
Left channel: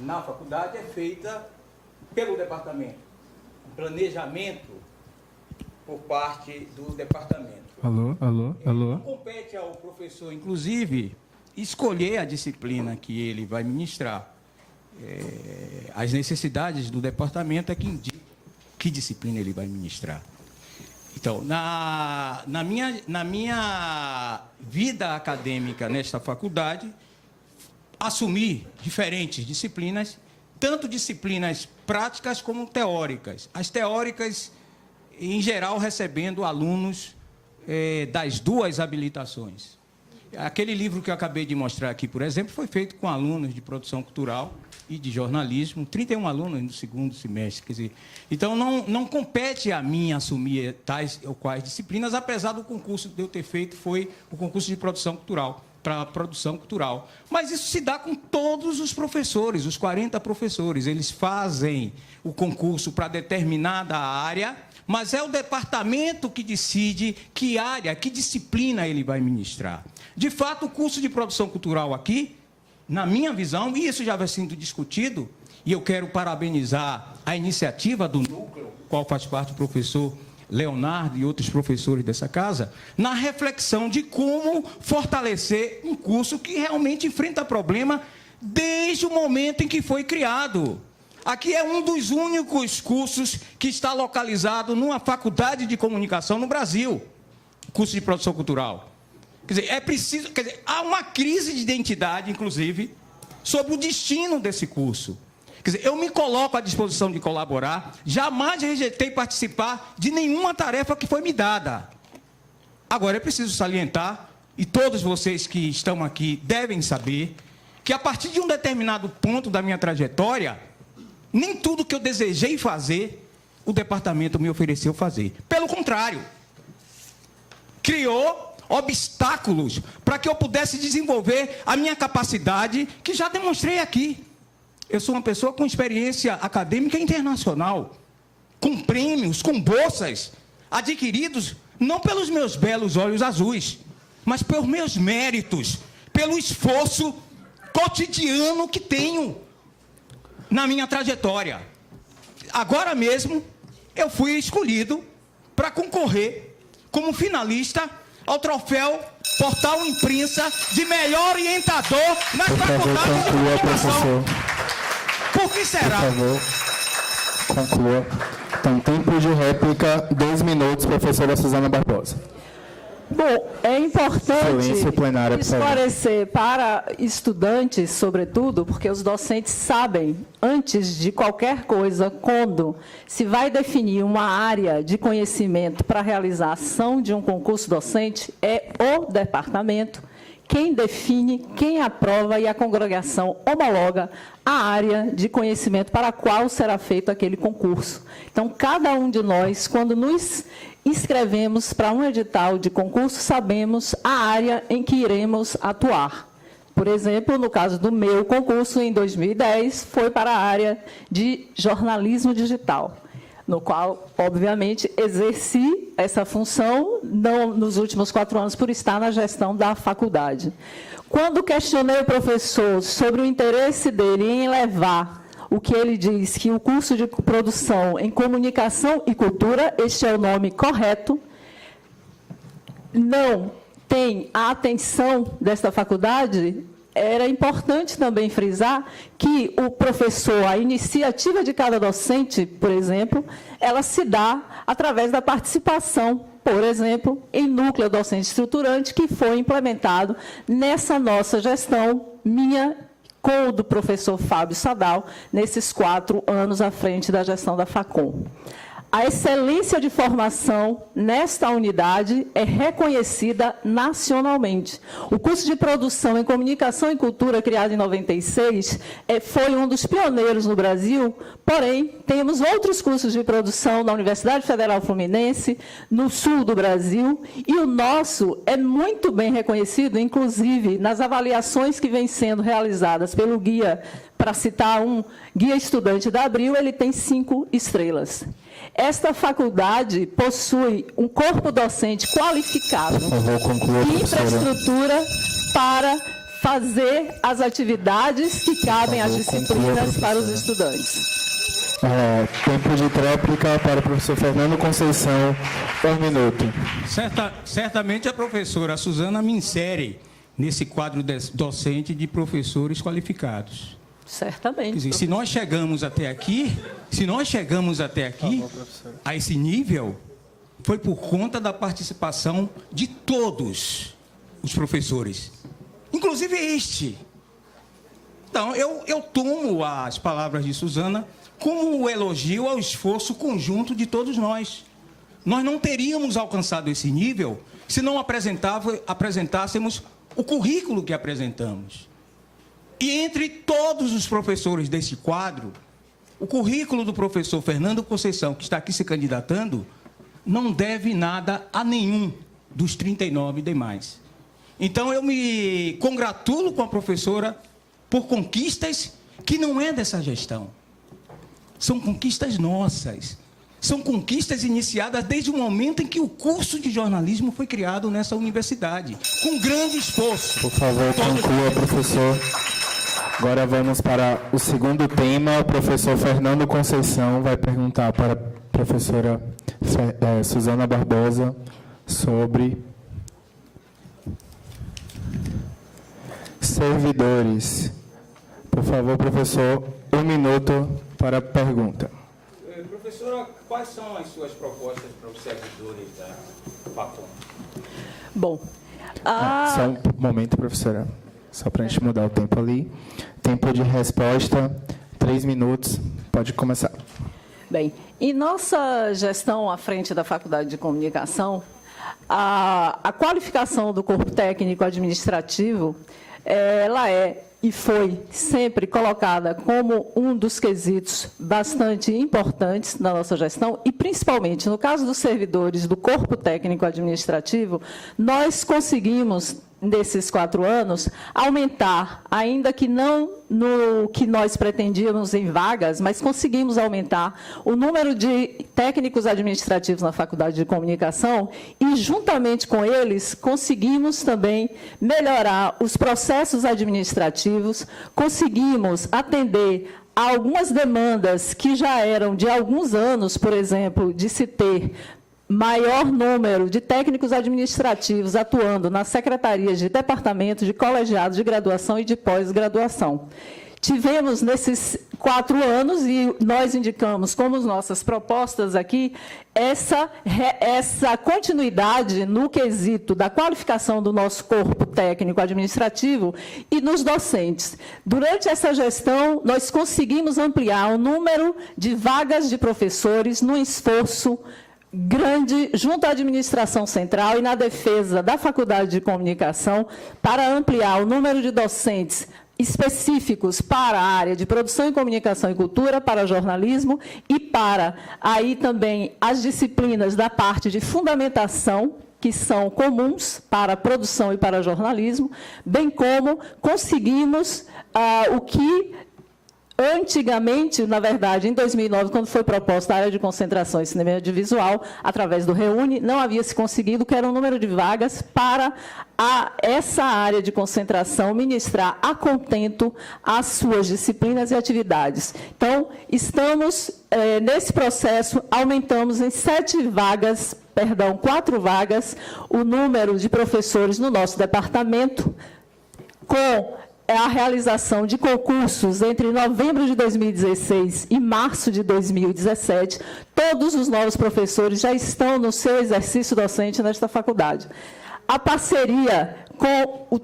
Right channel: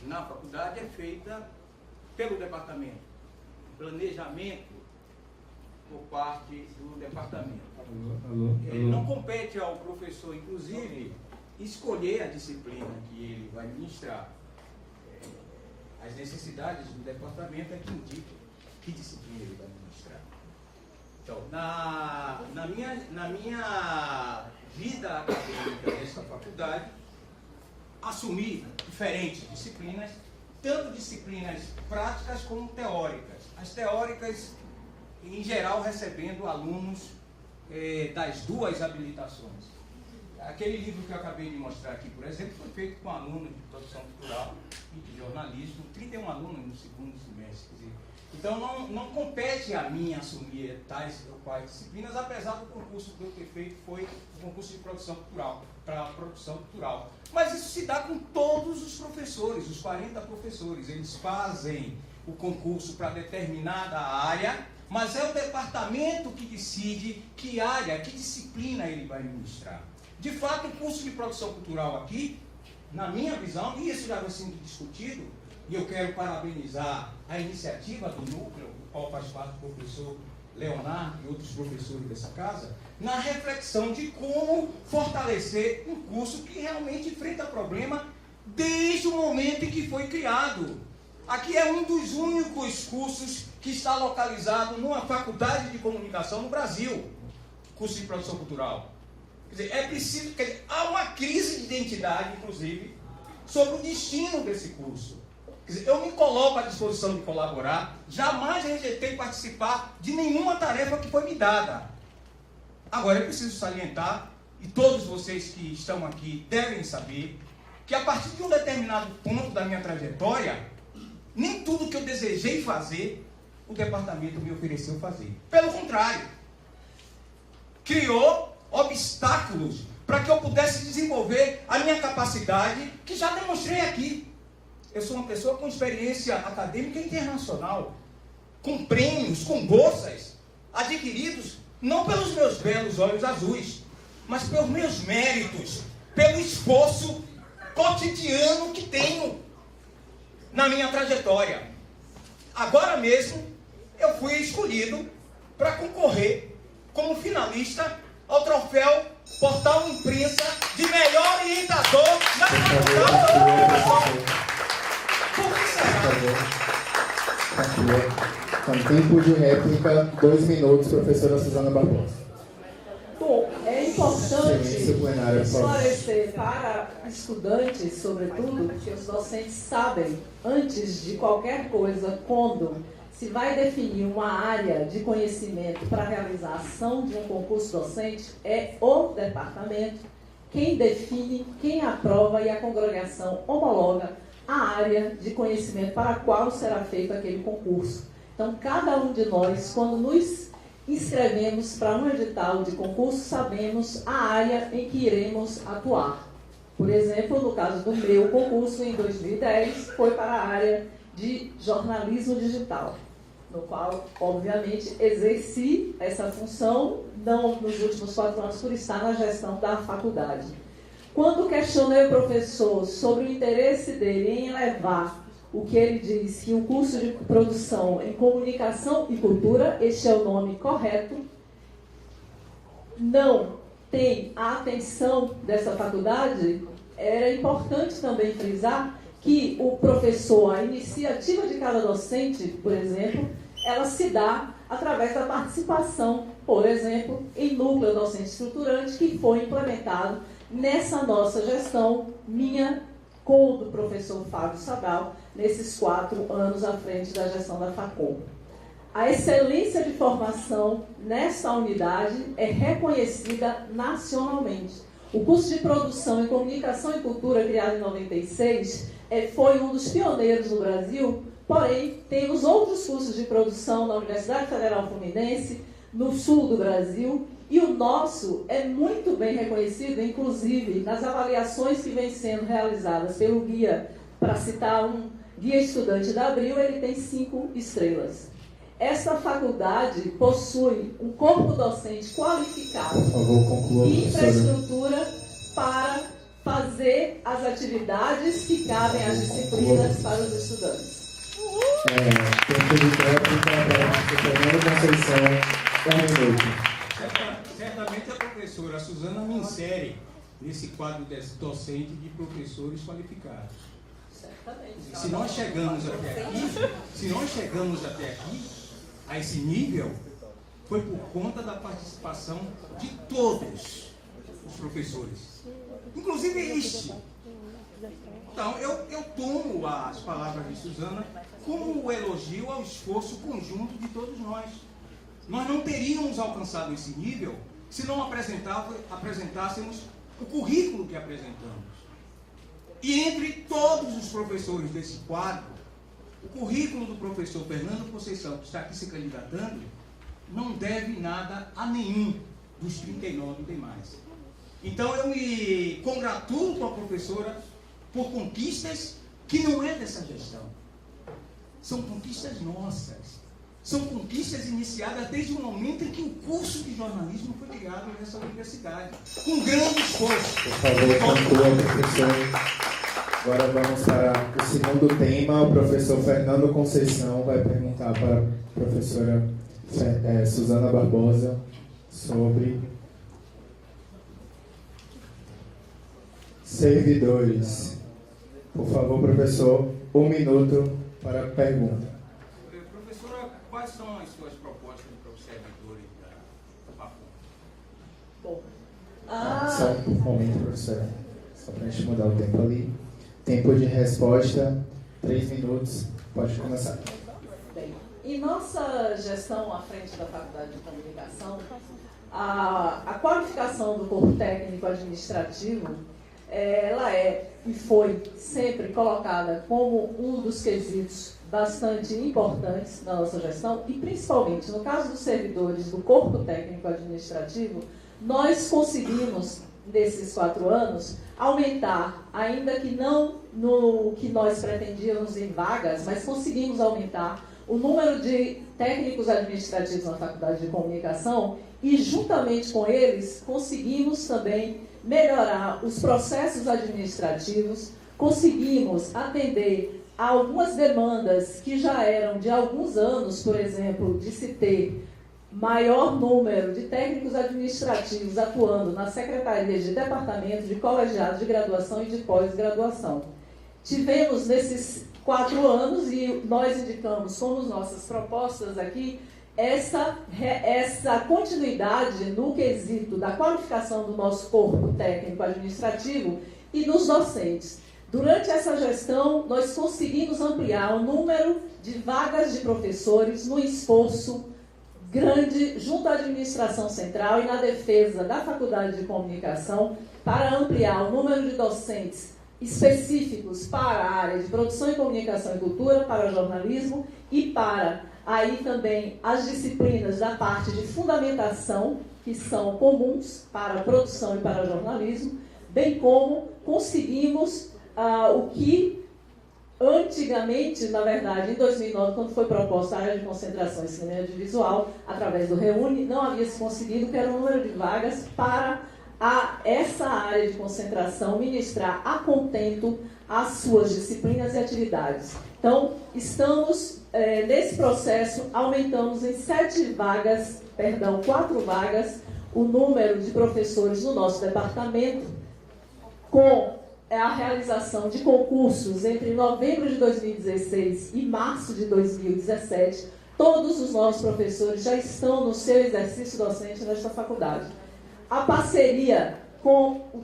na faculdade é feita pelo departamento. Planejamento por parte do departamento. Alô. Não compete ao professor, inclusive, escolher a disciplina que ele vai ministrar. As necessidades do departamento é que indicam que disciplina ele vai ministrar. Então, na minha vida acadêmica nesta faculdade, assumi diferentes disciplinas, tanto disciplinas práticas como teóricas. As teóricas, em geral, recebendo alunos das duas habilitações. Aquele livro que eu acabei de mostrar aqui, por exemplo, foi feito com alunos de produção cultural e de jornalismo, 31 alunos no segundo semestre. Quer dizer, então, não compete a mim assumir tais ou quais disciplinas, apesar do concurso de eu ter feito, foi o concurso de produção cultural, para a produção cultural. Mas isso se dá com todos os professores, os 40 professores. Eles fazem o concurso para determinada área, mas é o departamento que decide que área, que disciplina ele vai ministrar. De fato, o curso de produção cultural aqui, na minha visão, e isso já vai sendo discutido, e eu quero parabenizar a iniciativa do núcleo, do qual faz parte o professor Leonardo e outros professores dessa casa, na reflexão de como fortalecer um curso que realmente enfrenta problema desde o momento em que foi criado. Aqui é um dos únicos cursos que está localizado numa faculdade de comunicação no Brasil, curso de produção cultural. Quer dizer, há uma crise de identidade, inclusive, sobre o destino desse curso. Quer dizer, eu me coloco à disposição de colaborar, jamais rejeitei participar de nenhuma tarefa que foi me dada. Agora, é preciso salientar e todos vocês que estão aqui devem saber, que a partir de um determinado ponto da minha trajetória, nem tudo que eu desejei fazer, o departamento me ofereceu fazer. Pelo contrário, criou obstáculos para que eu pudesse desenvolver a minha capacidade, que já demonstrei aqui. Eu sou uma pessoa com experiência acadêmica internacional, com prêmios, com bolsas, adquiridos não pelos meus belos olhos azuis, mas pelos meus méritos, pelo esforço cotidiano que tenho na minha trajetória. Agora mesmo, eu fui escolhido para concorrer como finalista ao troféu Portal Imprensa de melhor orientador na Faculdade de Comunicação. Por que será? Conclua. Então, tempo de réplica, 2 minutos, professora Suzana Barbosa. Bom, é importante Silêncio plenário, esclarecer para estudantes, sobretudo, porque os docentes sabem, antes de qualquer coisa, quando se vai definir uma área de conhecimento para realizar a ação de um concurso docente, é o departamento quem define, quem aprova e a congregação homologa a área de conhecimento para a qual será feito aquele concurso. Então, cada um de nós, quando nos inscrevemos para um edital de concurso, sabemos a área em que iremos atuar. Por exemplo, no caso do meu concurso, em 2010, foi para a área de jornalismo digital, no qual, obviamente, exerci essa função nos últimos 4 anos por estar na gestão da faculdade. Quando questionei o professor sobre o interesse dele em levar o que ele diz que o curso de produção em comunicação e cultura, este é o nome correto, não tem a atenção desta faculdade, era importante também frisar que o professor, a iniciativa de cada docente, por exemplo, ela se dá através da participação, por exemplo, em núcleo docente estruturante, que foi implementado nessa nossa gestão, minha com o do professor Fábio Sadal, nesses 4 anos à frente da gestão da Facom. A excelência de formação nesta unidade é reconhecida nacionalmente. O curso de produção em comunicação e cultura, criado em 96, foi um dos pioneiros no Brasil, porém, temos outros cursos de produção na Universidade Federal Fluminense, no sul do Brasil, e o nosso é muito bem reconhecido, inclusive nas avaliações que vêm sendo realizadas pelo guia, para citar um guia estudante da Abril, ele tem 5 estrelas. Esta faculdade possui um corpo docente qualificado e infraestrutura para fazer as atividades que cabem às disciplinas para os estudantes. Tempo de réplica para o professor Fernando Conceição, 1 minuto. Certamente a professora Suzana me insere nesse quadro docente de professores qualificados. Certamente. Quer dizer, se nós chegamos até aqui, a esse nível, foi por conta da participação de todos os professores, inclusive este. Então, eu tomo as palavras de Suzana como um elogio ao esforço conjunto de todos nós. Nós não teríamos alcançado esse nível se não apresentássemos o currículo que apresentamos. E entre todos os professores desse quadro, o currículo do professor Fernando Conceição, que está aqui se candidatando, não deve nada a nenhum dos 39 demais. Então, eu me congratulo com a professora por conquistas que não é dessa gestão. São conquistas nossas. São conquistas iniciadas desde o momento em que o curso de jornalismo foi criado nessa universidade, com grande esforço. Por favor, conclua, professor. Agora vamos para o segundo tema. O professor Fernando Conceição vai perguntar para a professora Suzana Barbosa sobre servidores. Por favor, professor, 1 minuto para a pergunta. Professora, quais são as suas propostas para os servidores da Facom? Bom, Só um momento, professora. Só para a gente mudar o tempo ali. Tempo de resposta, 3 minutos. Pode começar. Bem, em nossa gestão à frente da Faculdade de Comunicação, a qualificação do corpo técnico administrativo, ela é e foi sempre colocada como um dos quesitos bastante importantes na nossa gestão, e principalmente no caso dos servidores do corpo técnico administrativo, nós conseguimos, nesses 4 anos, aumentar, ainda que não no que nós pretendíamos em vagas, mas conseguimos aumentar o número de técnicos administrativos na Faculdade de Comunicação e, juntamente com eles, conseguimos também melhorar os processos administrativos, conseguimos atender a algumas demandas que já eram de alguns anos, por exemplo, de se ter maior número de técnicos administrativos atuando nas secretarias de departamento, de colegiados de graduação e de pós-graduação. Tivemos nesses 4 anos, e nós indicamos como nossas propostas aqui, essa continuidade no quesito da qualificação do nosso corpo técnico administrativo e nos docentes. Durante essa gestão, nós conseguimos ampliar o número de vagas de professores no esforço grande junto à administração central e na defesa da Faculdade de Comunicação para ampliar o número de docentes específicos para a área de produção e comunicação e cultura, para jornalismo e para aí também as disciplinas da parte de fundamentação, que são comuns para produção e para jornalismo, bem como conseguimos o que antigamente, na verdade, em 2009, quando foi proposta a área de concentração em cinema e audiovisual, através do REUNE, não havia se conseguido, que era o número de vagas para essa área de concentração ministrar a contento as suas disciplinas e atividades. Então, estamos, nesse processo, aumentamos em 4 vagas, o número de professores no nosso departamento, com a realização de concursos entre novembro de 2016 e março de 2017. Todos os novos professores já estão no seu exercício docente nesta faculdade. A parceria com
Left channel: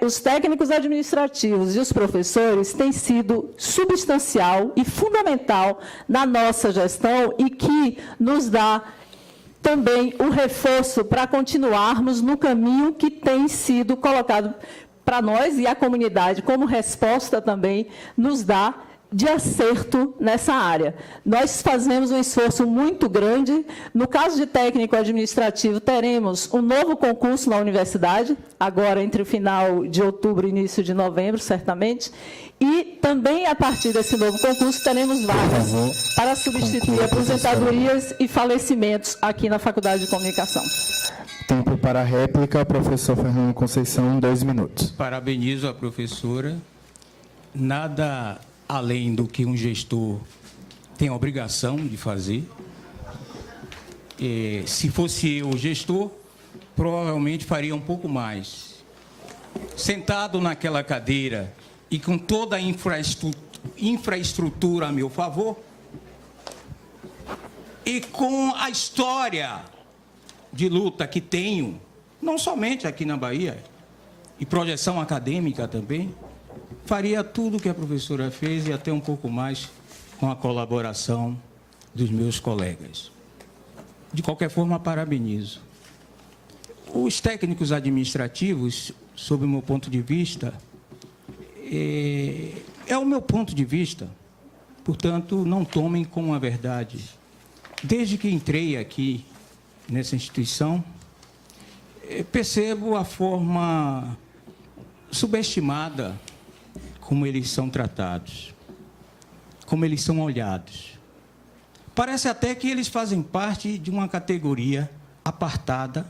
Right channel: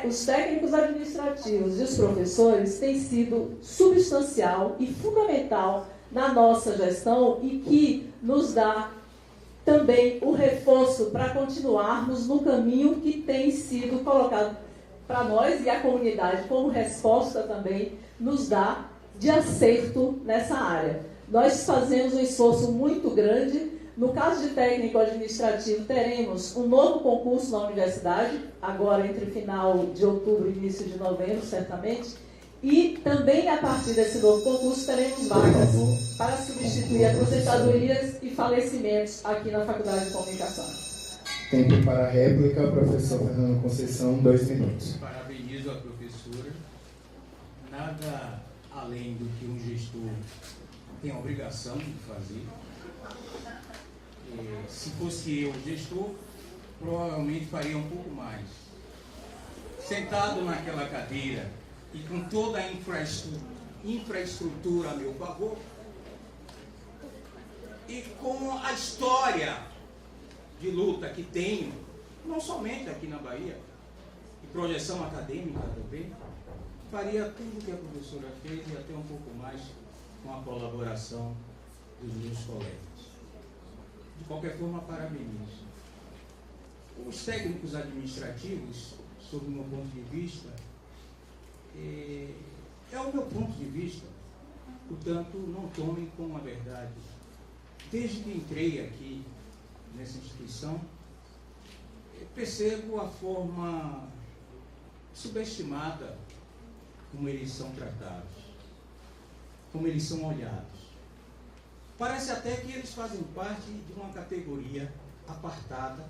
os técnicos administrativos e os professores tem sido substancial e fundamental na nossa gestão e que nos dá também o reforço para continuarmos no caminho que tem sido colocado para nós, e a comunidade, como resposta também, nos dá de acerto nessa área. Nós fazemos um esforço muito grande. No caso de técnico administrativo, teremos um novo concurso na universidade, agora entre o final de outubro e início de novembro, certamente, e também, a partir desse novo concurso, teremos vagas para substituir aposentadorias e falecimentos aqui na Faculdade de Comunicação. Tempo para a réplica, professor Fernando Conceição, 2 minutos. Parabenizo a professora. Nada além do que um gestor tem a obrigação de fazer. Se fosse eu o gestor, provavelmente faria um pouco mais. Sentado naquela cadeira e com toda a infraestrutura a meu favor, e com a história de luta que tenho, não somente aqui na Bahia, e projeção acadêmica também, faria tudo o que a professora fez e até um pouco mais com a colaboração dos meus colegas. De qualquer forma, parabenizo. Os técnicos administrativos, sob o meu ponto de vista, é o meu ponto de vista, portanto, não tomem como a verdade. Desde que entrei aqui nessa instituição, percebo a forma subestimada como eles são tratados, como eles são olhados. Parece até que eles fazem parte de uma categoria apartada,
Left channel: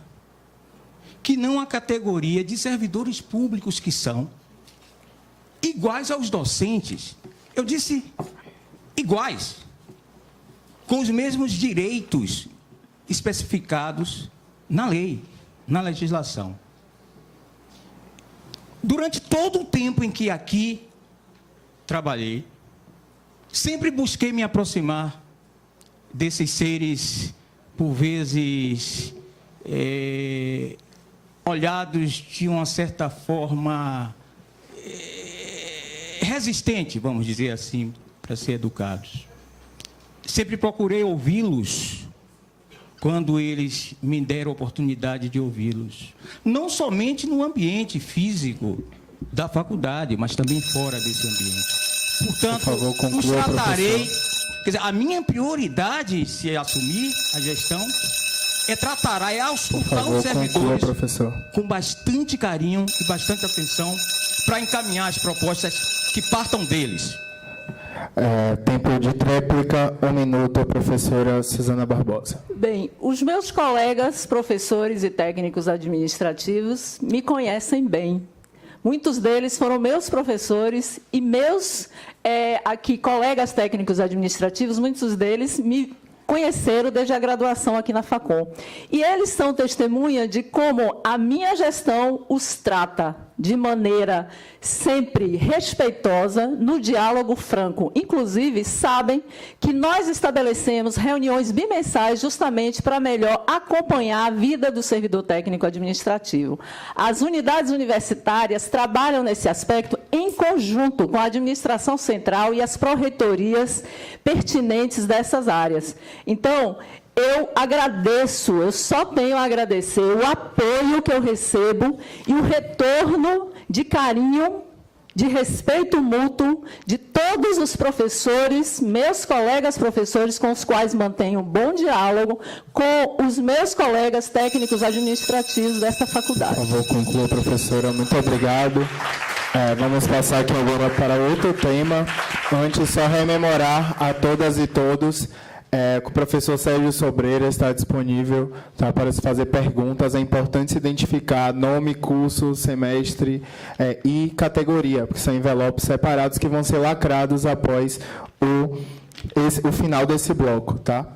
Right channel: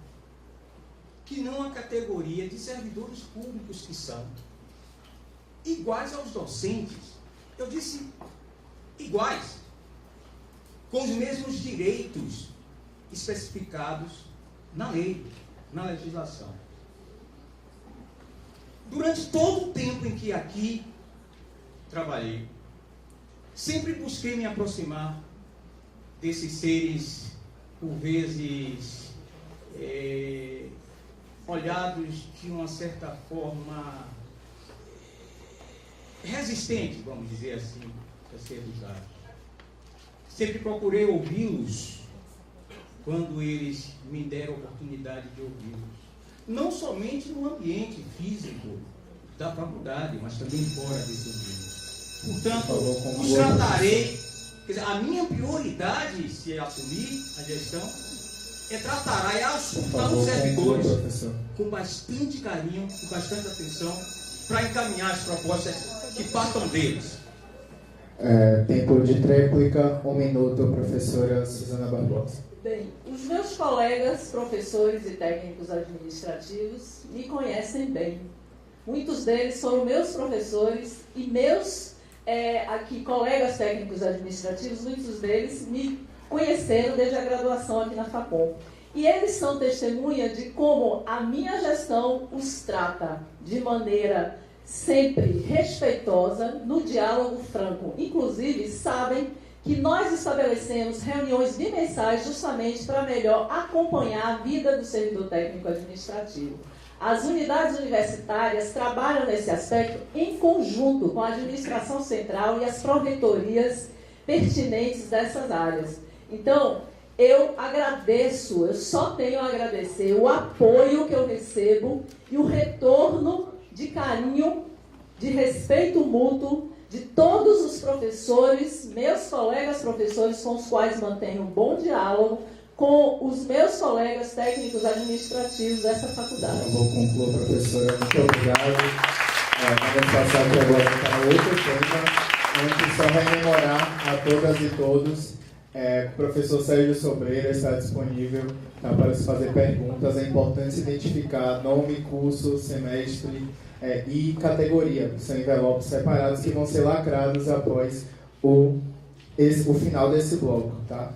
que não a categoria de servidores públicos que são, iguais aos docentes. Eu disse iguais, com os mesmos direitos especificados na lei, na legislação. Durante todo o tempo em que aqui trabalhei, sempre busquei me aproximar desses seres, por vezes, olhados de uma certa forma resistente, vamos dizer assim, para ser educados. Sempre procurei ouvi-los quando eles me deram a oportunidade de ouvi-los. Não somente no ambiente físico da faculdade, mas também fora desse ambiente. Portanto, Por favor, conclua, os tratarei... Quer dizer, a minha prioridade, se assumir a gestão, é tratar auscultar os servidores professor, com bastante carinho e bastante atenção para encaminhar as propostas que partam deles. Tempo de réplica, 1 minuto, professora Suzana Barbosa. Bem, os meus colegas, professores e técnicos administrativos me conhecem bem. Muitos deles foram meus professores e meus colegas técnicos administrativos, muitos deles me conheceram desde a graduação aqui na Facom. E eles são testemunha de como a minha gestão os trata de maneira sempre respeitosa, no diálogo franco. Inclusive, sabem que nós estabelecemos reuniões bimensais justamente para melhor acompanhar a vida do servidor técnico administrativo. As unidades universitárias trabalham nesse aspecto em conjunto com a administração central e as pró-reitorias pertinentes dessas áreas. Então, eu agradeço, eu só tenho a agradecer o apoio que eu recebo e o retorno de carinho, de respeito mútuo de todos os professores, meus colegas professores, com os quais mantenho um bom diálogo, com os meus colegas técnicos administrativos dessa faculdade. Por favor, conclua, professora. Muito obrigado. Vamos passar aqui agora para outro tema. Antes, só rememorar a todas e todos que o professor Sérgio Sobreira está disponível, tá, para se fazer perguntas. É importante se identificar nome, curso, semestre e categoria, porque são envelopes separados que vão ser lacrados após o final desse bloco. Tá?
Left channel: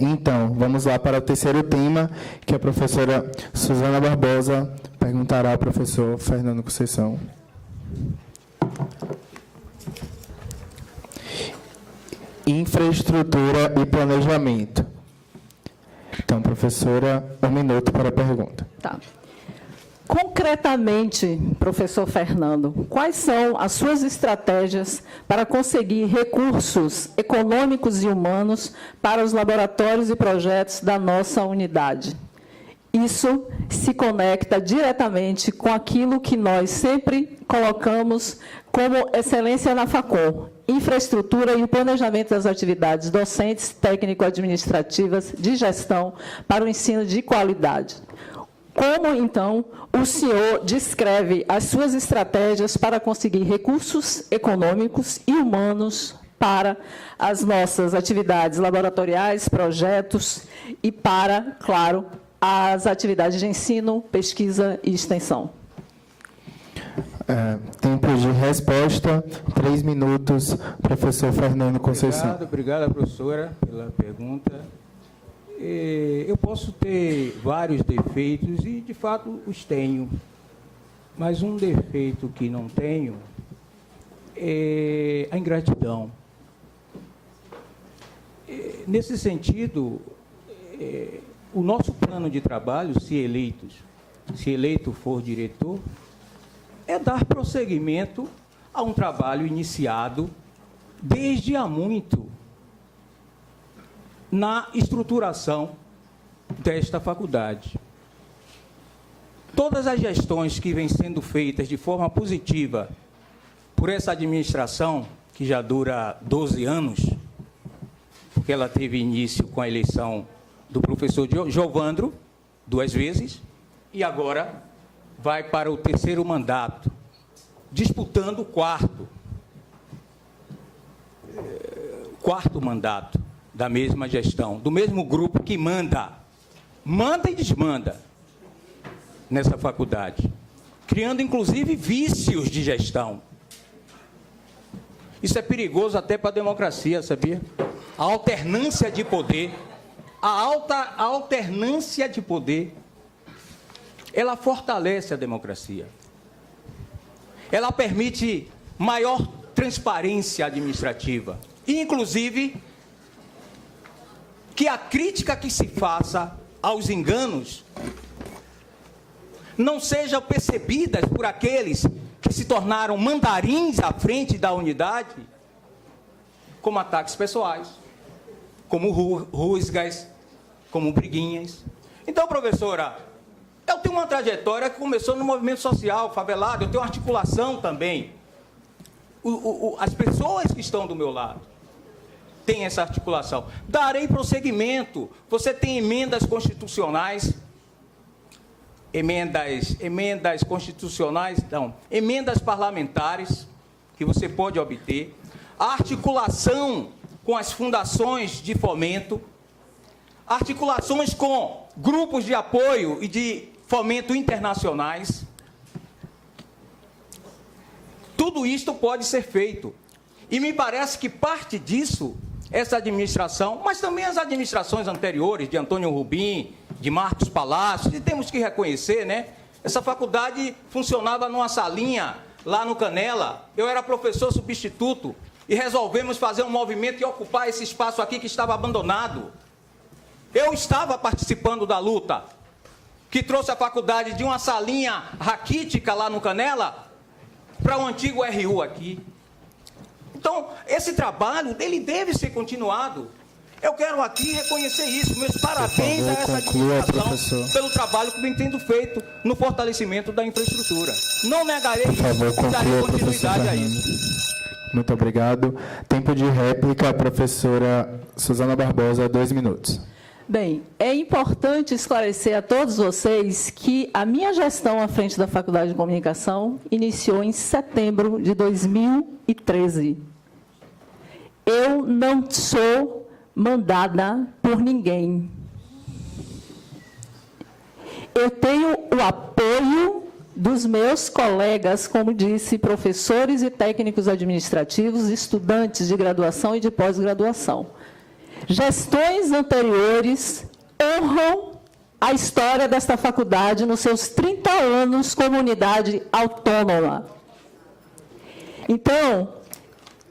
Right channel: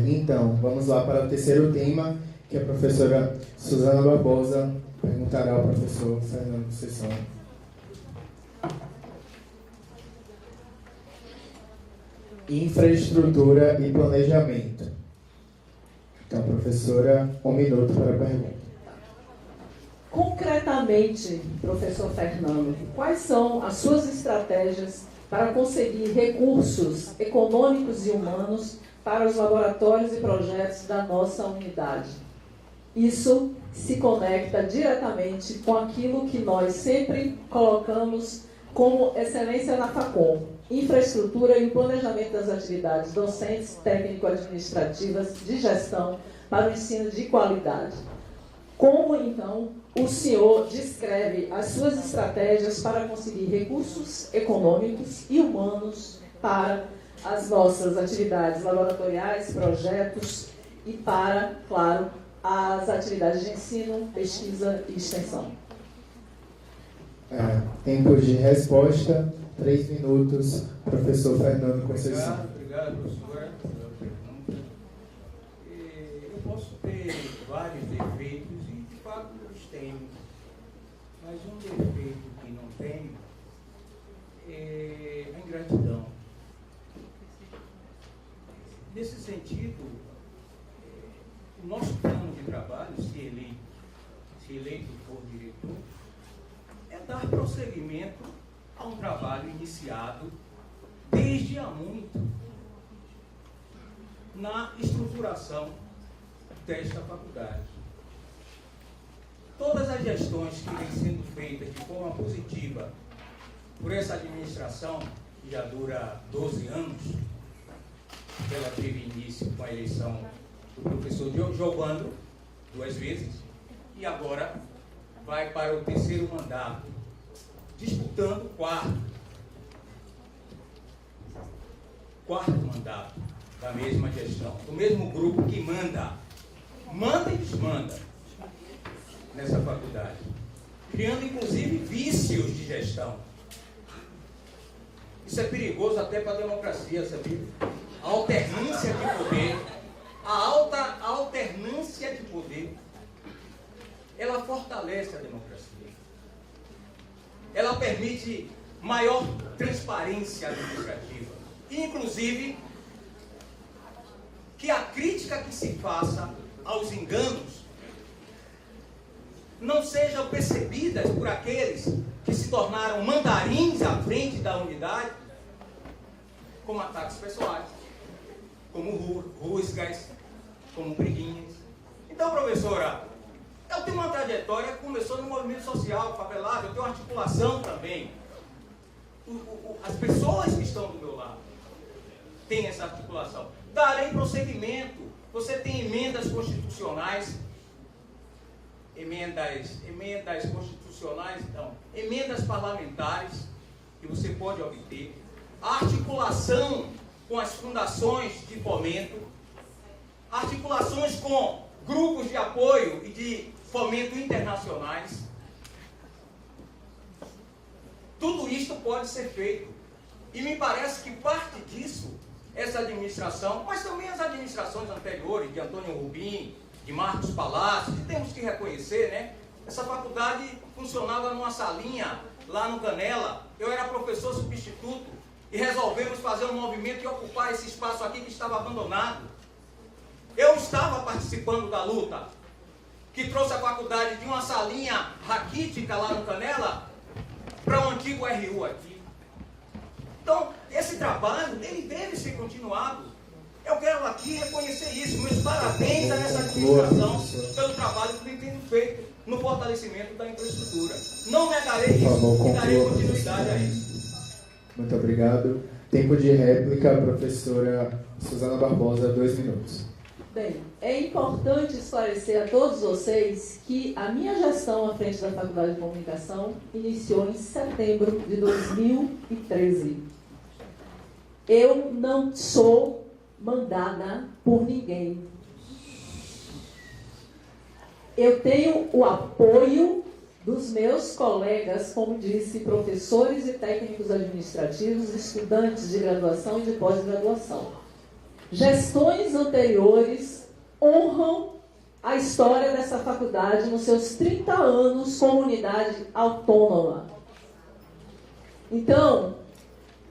Então, vamos lá para o terceiro tema, que a professora Suzana Barbosa perguntará ao professor Fernando Conceição. Infraestrutura e planejamento. Então, professora, 1 minuto para a pergunta. Tá. Concretamente, professor Fernando, quais são as suas estratégias para conseguir recursos econômicos e humanos para os laboratórios e projetos da nossa unidade? Isso se conecta diretamente com aquilo que nós sempre colocamos como excelência na Facom: infraestrutura e o planejamento das atividades docentes, técnico-administrativas, de gestão para o ensino de qualidade. Como, então, o senhor descreve as suas estratégias para conseguir recursos econômicos e humanos para as nossas atividades laboratoriais, projetos e para, claro, as atividades de ensino, pesquisa e extensão? Tempo de resposta, 3 minutos, professor Fernando Conceição. Obrigado, professora, pela pergunta. Eu posso ter vários defeitos e, de fato, os tenho. Mas um defeito que não tenho é a ingratidão. Nesse sentido, o nosso plano de trabalho, se eleito for diretor, é dar prosseguimento a um trabalho iniciado desde há muito na estruturação desta faculdade. Todas as gestões que vêm sendo feitas de forma positiva por essa administração, que já dura 12 anos, porque ela teve início com a eleição do professor Giovandro, 2 vezes, e agora vai para o 3º mandato, disputando o quarto mandato da mesma gestão, do mesmo grupo que manda e desmanda nessa faculdade, criando inclusive vícios de gestão. Isso é perigoso até para a democracia, sabia? A alternância de poder, a alternância de poder, ela fortalece a democracia. Ela permite maior transparência administrativa. E, inclusive, que a crítica que se faça aos enganos não sejam percebidas por aqueles que se tornaram mandarins à frente da unidade como ataques pessoais, como rusgas, como Briguinhas. Então, professora, eu tenho uma trajetória que começou no movimento social, favelado, eu tenho uma articulação também. As pessoas que estão do meu lado têm essa articulação. Darei prosseguimento. Você tem emendas constitucionais, emendas constitucionais, não, emendas parlamentares que você pode obter, a articulação com as fundações de fomento, articulações com grupos de apoio e de fomento internacionais. Tudo isto pode ser feito. E me parece que parte disso, essa administração, mas também as administrações anteriores, de Antônio Rubim, de Marcos Palácio, e temos que reconhecer, né? Essa faculdade funcionava numa salinha lá no Canela. Eu era professor substituto e resolvemos fazer um movimento e ocupar esse espaço aqui que estava abandonado. Eu estava participando da luta que trouxe a faculdade de uma salinha raquítica lá no Canela para o antigo RU aqui. Então, esse trabalho, ele deve ser continuado. Eu quero aqui reconhecer isso. Meus parabéns a essa administração pelo trabalho que vem tendo feito no fortalecimento da infraestrutura. Não negarei isso e darei continuidade a isso. Muito obrigado. Tempo de réplica, professora Suzana Barbosa, 2 minutos. Bem, é importante esclarecer a todos vocês que a minha gestão à frente da Faculdade de Comunicação iniciou em setembro de 2013. Eu não sou mandada por ninguém. Eu tenho o apoio dos meus colegas, como disse, professores e técnicos administrativos, estudantes de graduação e de pós-graduação. Gestões anteriores honram a história desta faculdade nos seus 30 anos como unidade autônoma. Então,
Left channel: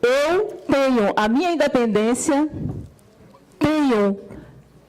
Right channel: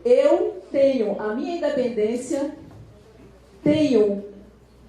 eu tenho a minha independência, tenho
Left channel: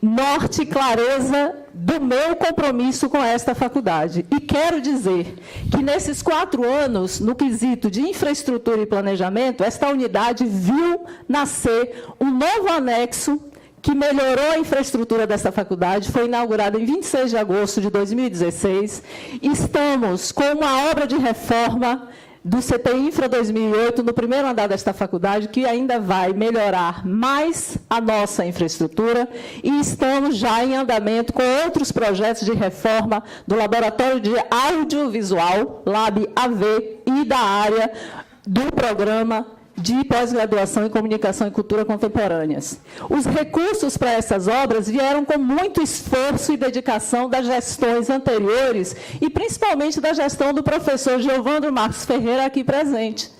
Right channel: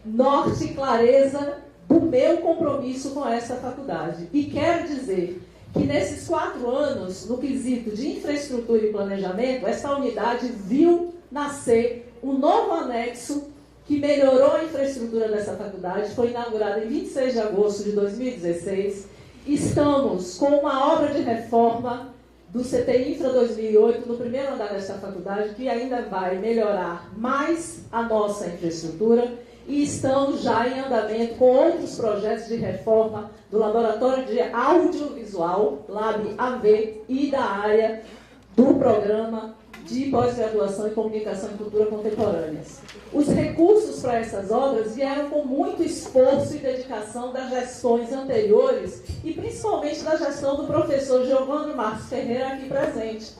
norte e clareza do meu compromisso com esta faculdade. E quero dizer que nesses 4 anos, no quesito de infraestrutura e planejamento, esta unidade viu nascer um novo anexo que melhorou a infraestrutura desta faculdade, foi inaugurado em 26 de agosto de 2016. Estamos com uma obra de reforma do CT Infra 2008, no primeiro andar desta faculdade, que ainda vai melhorar mais a nossa infraestrutura, e estamos já em andamento com outros projetos de reforma do Laboratório de Audiovisual, Lab AV, e da área do programa de pós-graduação em Comunicação e Cultura Contemporâneas. Os recursos para essas obras vieram com muito esforço e dedicação das gestões anteriores e principalmente da gestão do professor Giovandro Marcos Ferreira aqui presente.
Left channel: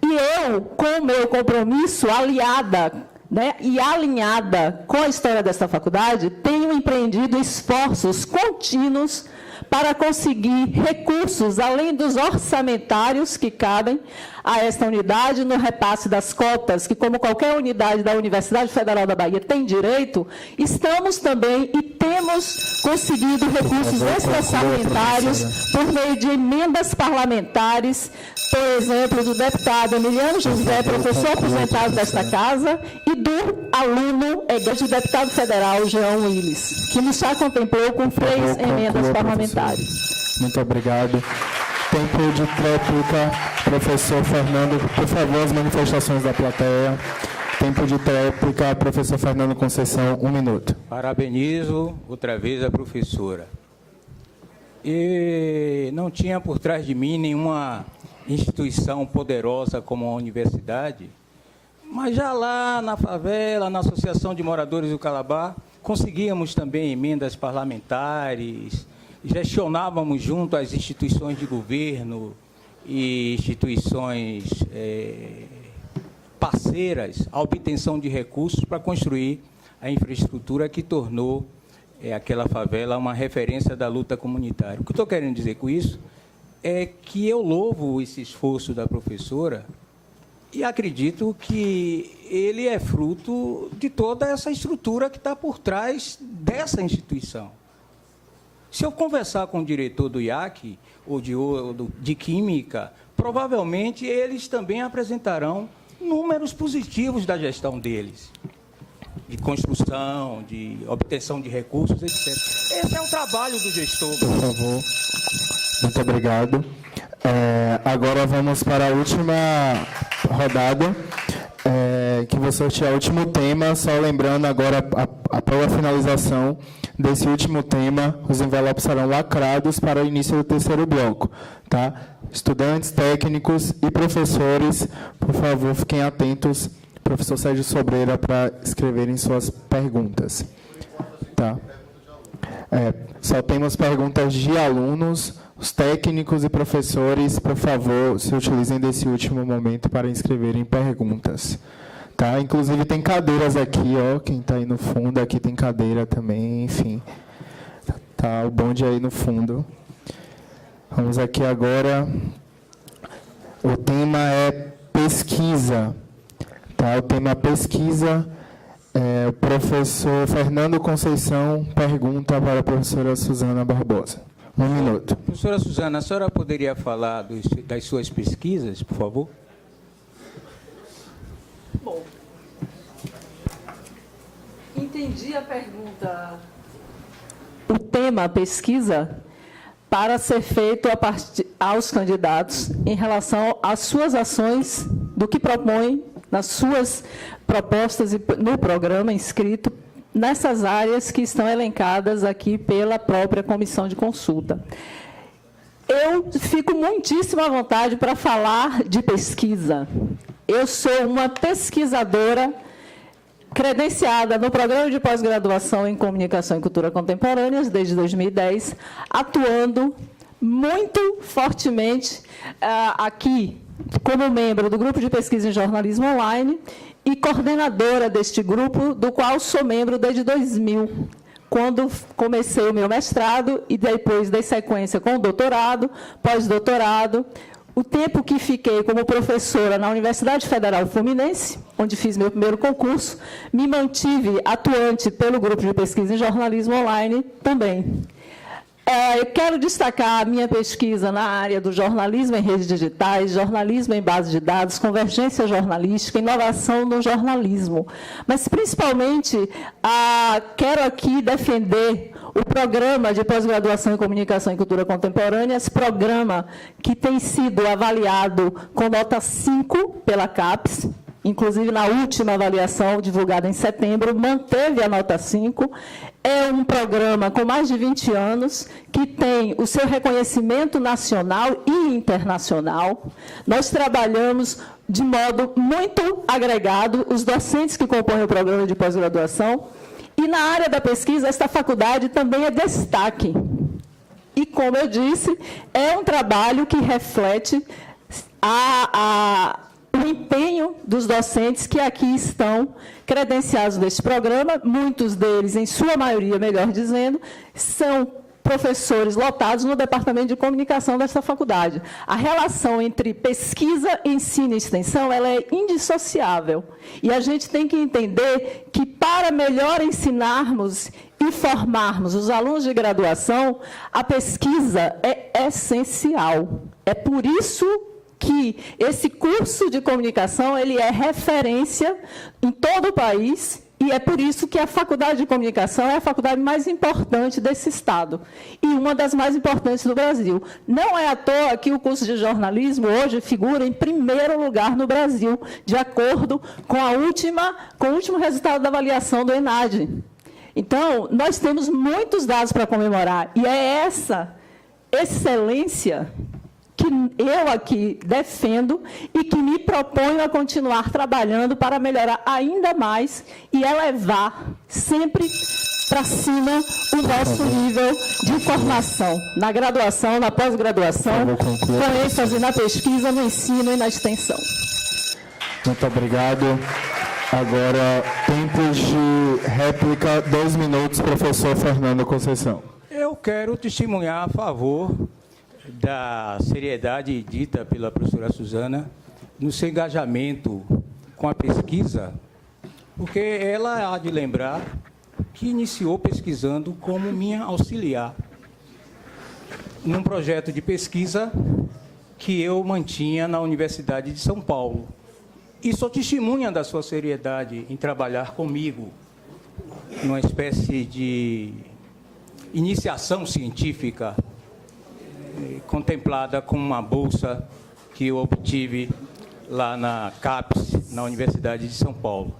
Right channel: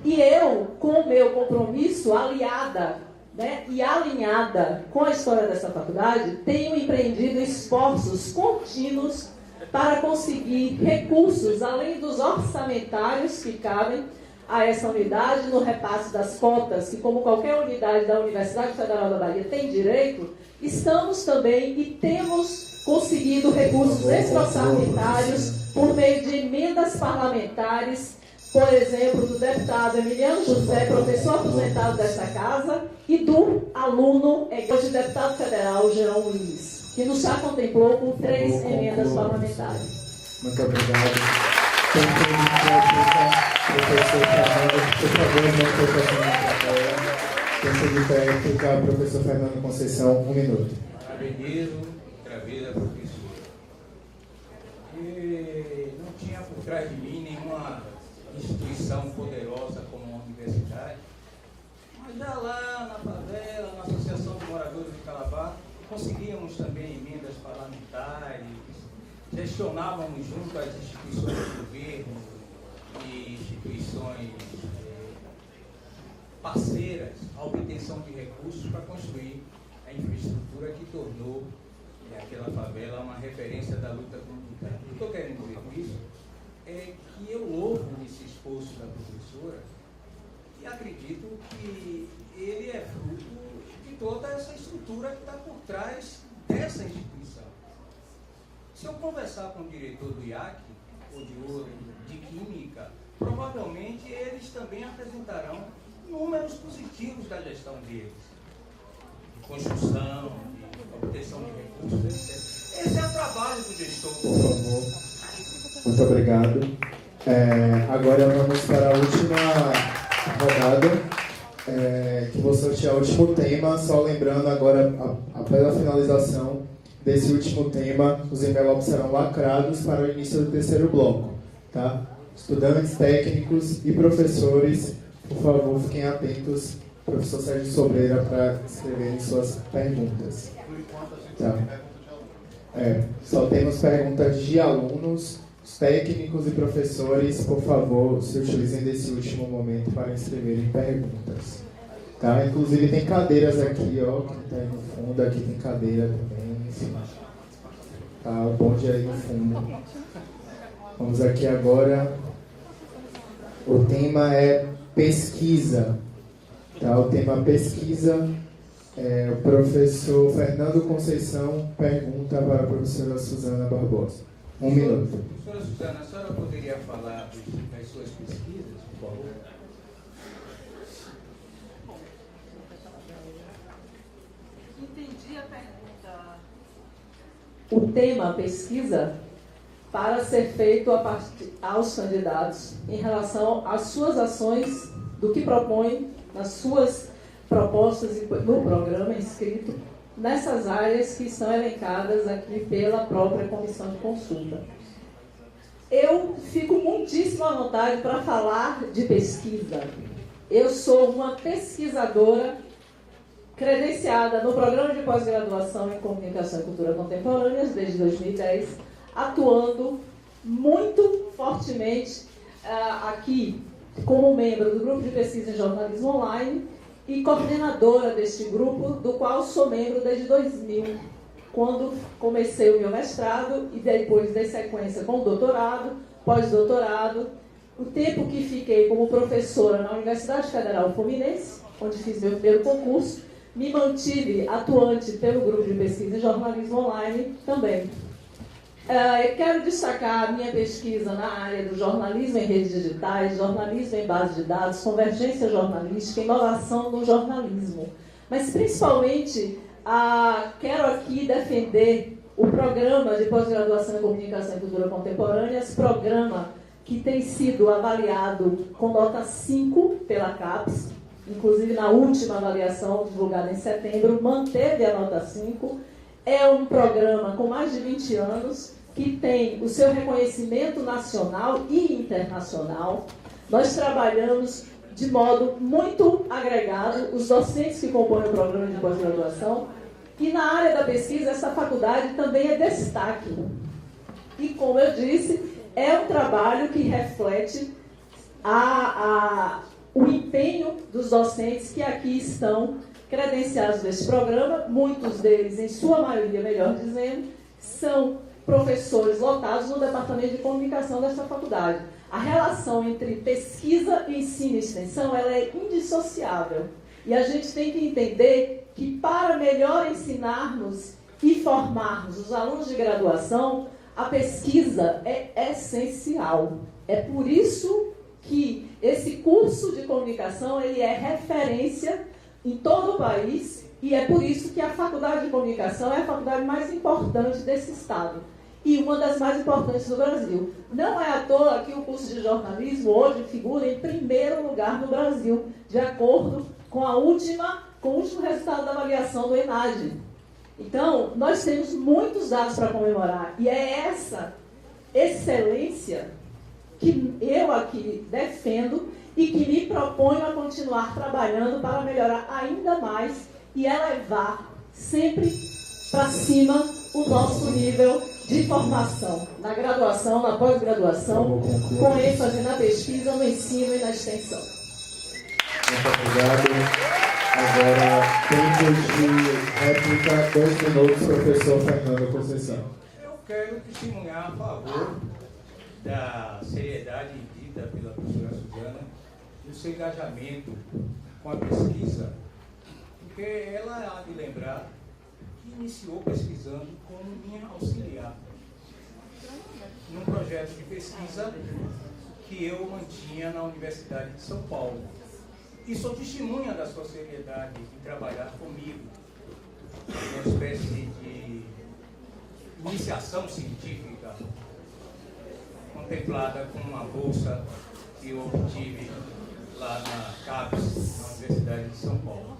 E eu, com o meu compromisso aliada, né, e alinhada com a história desta faculdade, tenho empreendido esforços contínuos para conseguir recursos, além dos orçamentários que cabem a esta unidade, no repasse das cotas, que como qualquer unidade da Universidade Federal da Bahia tem direito, estamos também e temos conseguido recursos extra-orçamentários por meio de emendas parlamentares, por exemplo, do deputado Emiliano José, professor aposentado desta casa, e do aluno de deputado federal, Jean Willis, que nos já contemplou com 3 emendas parlamentares. Muito obrigado. Tempo de réplica, professor Fernando, por favor, as manifestações da plateia. Tempo de réplica, professor Fernando Conceição, 1 minuto. Parabenizo outra vez a professora. E não tinha por trás de mim nenhuma instituição poderosa como a universidade, mas já lá na favela, na Associação de Moradores do Calabar, conseguíamos também emendas parlamentares, gestionávamos junto às instituições de governo e instituições parceiras a obtenção de recursos para construir a infraestrutura que tornou aquela favela uma referência da luta comunitária. O que eu estou querendo dizer com isso é que eu louvo esse esforço da professora e acredito que ele é fruto de toda essa estrutura que está por trás dessa instituição. Se eu conversar com o diretor do IAC ou de Química, provavelmente eles também apresentarão números positivos da gestão deles. de construção, de obtenção de recursos, etc. Esse é o trabalho do gestor. Por favor. Muito obrigado. Agora vamos para a última rodada. Que vou sortear o último tema, só lembrando agora, após a finalização desse último tema, os envelopes serão lacrados para o início do terceiro bloco. Tá? Estudantes, técnicos e professores, por favor, fiquem atentos, professor Sérgio Sobreira, para escreverem suas perguntas. Tá? Só temos perguntas de alunos. Os técnicos e professores, por favor, se utilizem desse último momento para inscreverem perguntas. Tá? Inclusive tem cadeiras aqui, ó, quem está aí no fundo, aqui tem cadeira também, enfim. Tá, o bonde aí no fundo. Vamos aqui agora. O tema é pesquisa. Tá? O tema pesquisa. O professor Fernando Conceição pergunta para a professora Suzana Barbosa. 1 minuto. Professora Suzana, a senhora poderia falar das suas pesquisas, por favor? Bom, entendi a pergunta. O tema pesquisa para ser feito aos candidatos em relação às suas ações, do que propõem nas suas propostas e no programa inscrito nessas áreas que estão elencadas aqui pela própria comissão de consulta. Eu fico muitíssimo à vontade para falar de pesquisa. Eu sou uma pesquisadora credenciada no programa de pós-graduação em Comunicação e Cultura Contemporâneas desde 2010, atuando muito fortemente aqui como membro do Grupo de Pesquisa em Jornalismo Online e coordenadora deste grupo, do qual sou membro desde 2000, quando comecei o meu mestrado e depois dei sequência com o doutorado, pós-doutorado. O tempo que fiquei como professora na Universidade Federal Fluminense, onde fiz meu primeiro concurso, me mantive atuante pelo Grupo de Pesquisa em Jornalismo Online também. Quero destacar a minha pesquisa na área do jornalismo em redes digitais, jornalismo em base de dados, convergência jornalística, inovação no jornalismo. Mas, principalmente, quero aqui defender o programa de pós-graduação em Comunicação e Cultura Contemporânea, esse programa que tem sido avaliado com nota 5 pela CAPES, inclusive na última avaliação, divulgada em setembro, manteve a nota 5. É um programa com mais de 20 anos, que tem o seu reconhecimento nacional e internacional. Nós trabalhamos de modo muito agregado, os docentes que compõem o programa de pós-graduação, e na área da pesquisa, esta faculdade também é destaque. E, como eu disse, é um trabalho que reflete o empenho dos docentes que aqui estão credenciados neste programa. Muitos deles, em sua maioria, melhor dizendo, são professores lotados no Departamento de Comunicação desta faculdade. A relação entre pesquisa, ensino e extensão, ela é indissociável. E a gente tem que entender que, para melhor ensinarmos e formarmos os alunos de graduação, a pesquisa é essencial. É por isso que esse curso de comunicação ele é referência em todo o país, e é por isso que a Faculdade de Comunicação é a faculdade mais importante desse estado e uma das mais importantes do Brasil. Não é à toa que o curso de jornalismo hoje figura em primeiro lugar no Brasil, de acordo com o último resultado da avaliação do ENAD. Então, nós temos muitos dados para comemorar, e é essa excelência que eu aqui defendo e que me proponho a continuar trabalhando para melhorar ainda mais e elevar sempre para cima o nosso nível de formação, na graduação, na pós-graduação, com ênfase na pesquisa, no ensino e na extensão. Muito obrigado. Agora, tempo de réplica, 2 minutos, professor Fernando Conceição. Eu quero testemunhar a favor da seriedade dita pela professora Suzana no seu engajamento com a pesquisa, porque ela há de lembrar que iniciou pesquisando como minha auxiliar num projeto de pesquisa que eu mantinha na Universidade de São Paulo. E sou testemunha da sua seriedade em trabalhar comigo numa espécie de iniciação científica contemplada com uma bolsa que eu obtive lá na CAPES, na Universidade de São Paulo.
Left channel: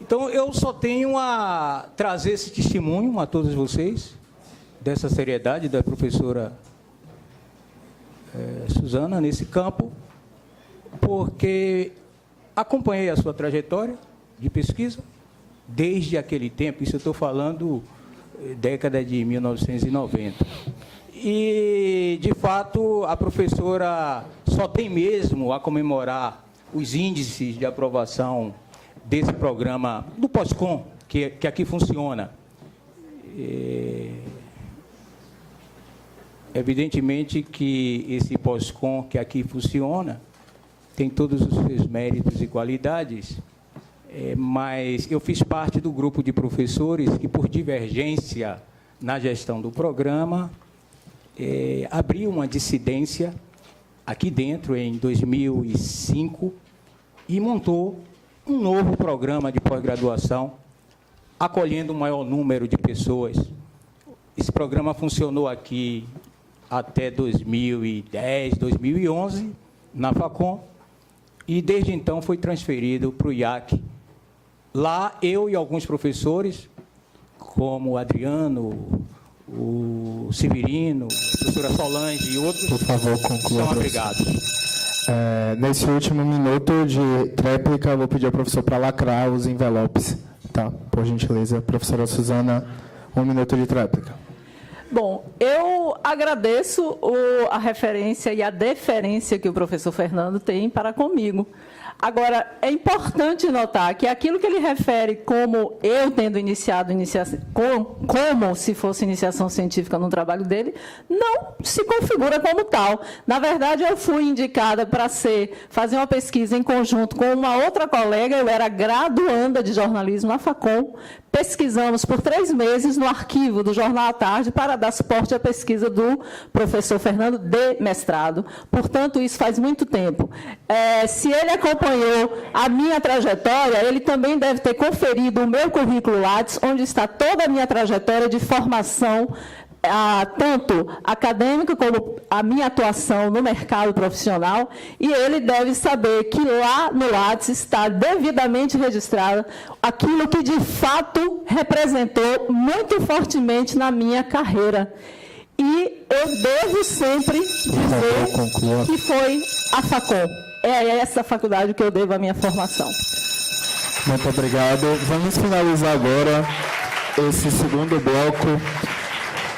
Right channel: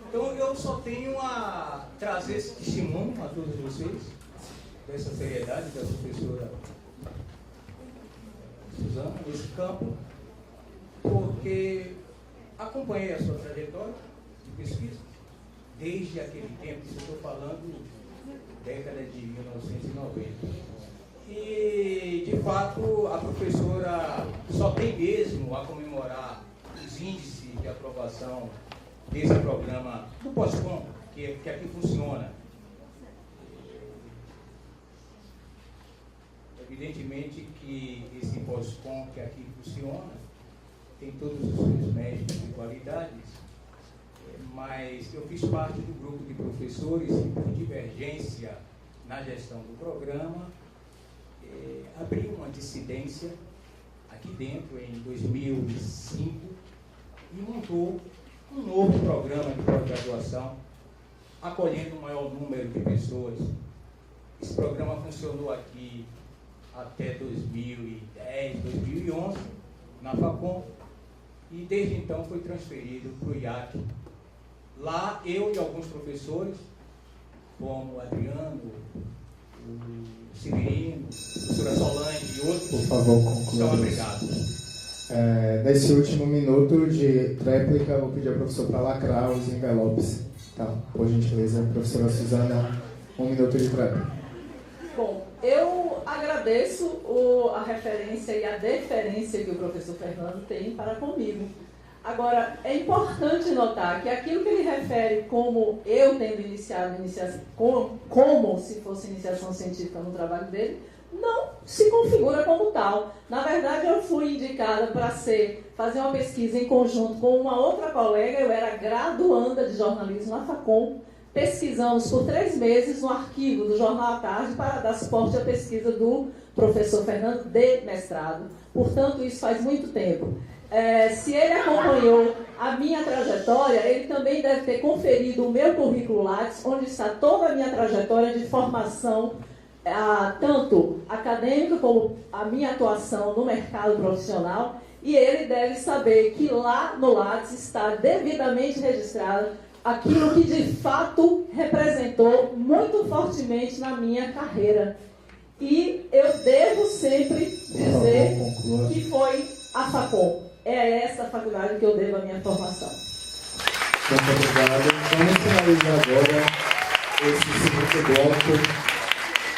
Então, eu só tenho a trazer esse testemunho a todos vocês, dessa seriedade da professora Suzana nesse campo, porque acompanhei a sua trajetória de pesquisa desde aquele tempo, isso eu estou falando década de 1990. E, de fato, a professora só tem mesmo a comemorar os índices de aprovação desse programa do POSCOM, que aqui funciona. Evidentemente que esse POSCOM que aqui funciona tem todos os seus méritos e qualidades, mas eu fiz parte do grupo de professores que, por divergência na gestão do programa, abriu uma dissidência aqui dentro em 2005 e montou um novo programa de pós-graduação, acolhendo um maior número de pessoas. Esse programa funcionou aqui até 2010, 2011, na FACOM, e desde então foi transferido para o IAC. Lá, eu e alguns professores, como o Adriano, o Severino, a professora Solange e outros, por favor, conclua. são abrigados. Nesse último minuto de réplica, eu vou pedir ao professor para lacrar os envelopes. Tá, por gentileza, professora Suzana, 1 minuto de réplica. Bom, eu agradeço a referência e a deferência que o professor Fernando tem para comigo. Agora, é importante notar que aquilo que ele refere como eu tendo iniciado, como se fosse iniciação científica no trabalho dele, não se configura como tal. Na verdade, eu fui indicada para fazer uma pesquisa em conjunto com uma outra colega, eu era graduanda de jornalismo na FACOM. Pesquisamos por 3 meses no arquivo do Jornal à Tarde para dar suporte à pesquisa do professor Fernando de mestrado. Portanto, isso faz muito tempo. Se ele acompanhou a minha trajetória, ele também deve ter conferido o meu currículo Lattes, onde está toda a minha trajetória de formação, tanto acadêmica como a minha atuação no mercado profissional, e ele deve saber que lá no Lattes está devidamente registrado aquilo que de fato representou muito fortemente na minha carreira. E eu devo sempre dizer que foi a FACOM. É essa faculdade que eu devo a minha formação. Muito obrigado. Vamos finalizar agora esse segundo bloco,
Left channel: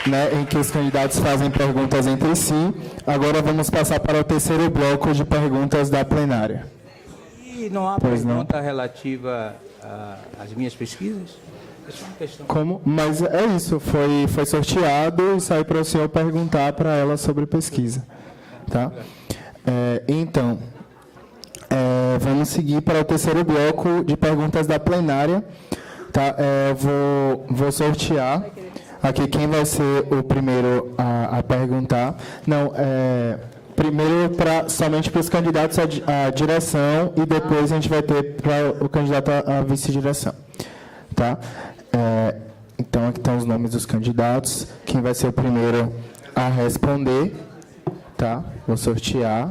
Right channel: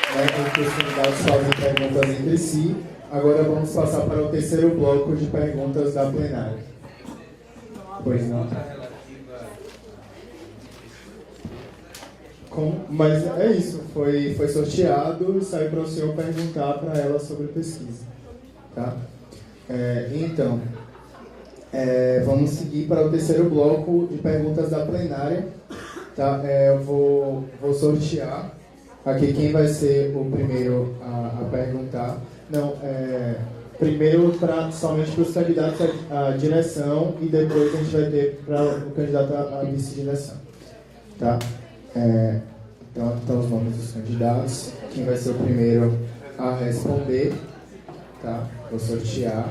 em que os candidatos fazem perguntas entre si. Agora vamos passar para o terceiro bloco de perguntas da plenária. E não há pergunta relativa às minhas pesquisas? É só uma questão. Como? Mas é isso, foi sorteado, sai para o senhor perguntar para ela sobre pesquisa. Tá? Então, vamos seguir para o terceiro bloco de perguntas da plenária. Tá? Vou sortear aqui quem vai ser o primeiro a perguntar. Não, primeiro somente para os candidatos à direção e depois a gente vai ter para o candidato à vice-direção. Tá? Então, aqui estão os nomes dos candidatos. Quem vai ser o primeiro a responder? Tá? Vou sortear.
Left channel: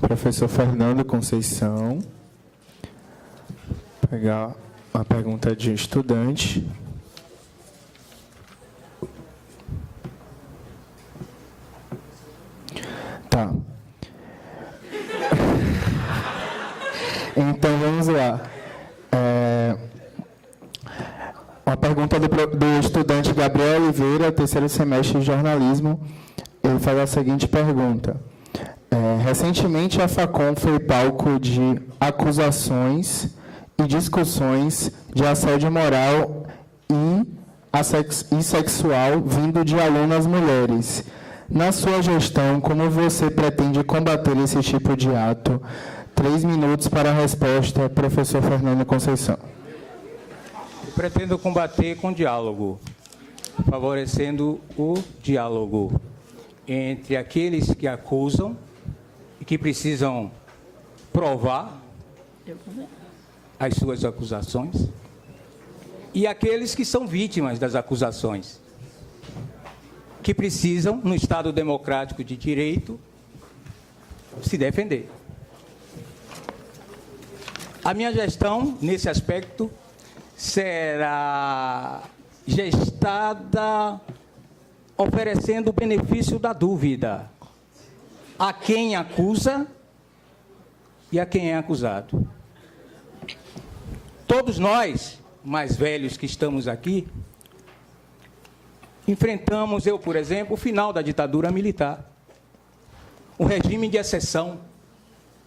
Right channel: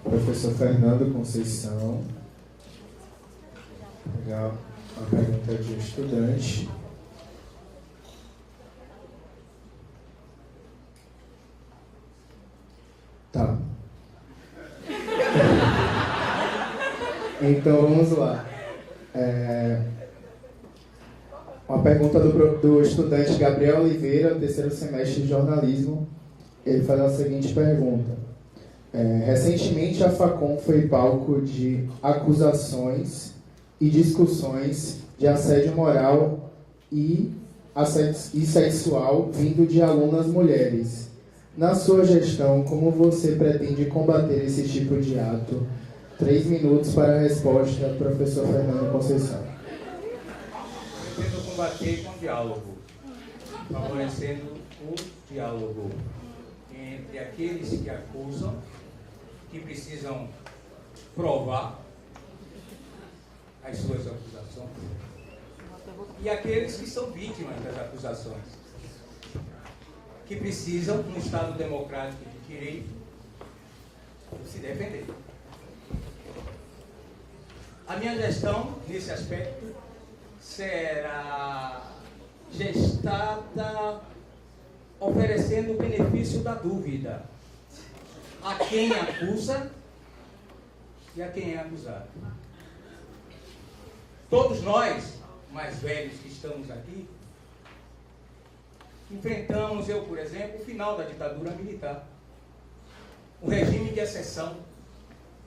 Professor Fernando Conceição. Vou pegar uma pergunta de estudante. Tá. Então, vamos lá. Uma pergunta do estudante Gabriel Oliveira, terceiro semestre de jornalismo. Ele faz a seguinte pergunta. Recentemente, a FACOM foi palco de acusações e discussões de assédio moral e sexual vindo de alunas mulheres. Na sua gestão, como você pretende combater esse tipo de ato? 3 minutos para a resposta, professor Fernando Conceição. Pretendo combater com diálogo, favorecendo o diálogo entre aqueles que acusam e que precisam provar as suas acusações e aqueles que são vítimas das acusações, que precisam, no Estado democrático de direito, se defender. A minha gestão, nesse aspecto, será gestada oferecendo o benefício da dúvida a quem acusa e a quem é acusado. Todos nós, mais velhos que estamos aqui, enfrentamos, eu, por exemplo, o final da ditadura militar. Um regime de exceção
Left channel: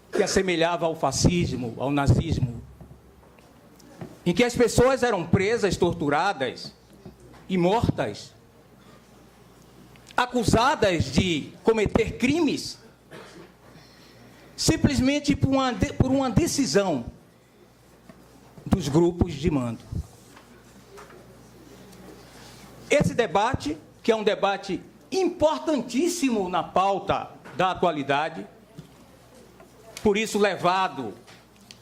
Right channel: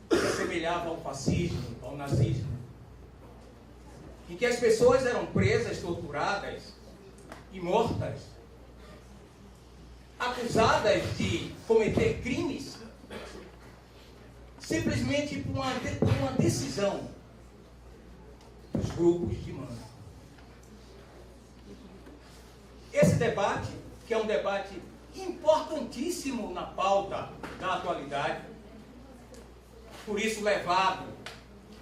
que assemelhava ao fascismo, ao nazismo, em que as pessoas eram presas, torturadas e mortas, acusadas de cometer crimes, simplesmente por uma decisão dos grupos de mando. Esse debate, que é um debate importantíssimo na pauta da atualidade, por isso levado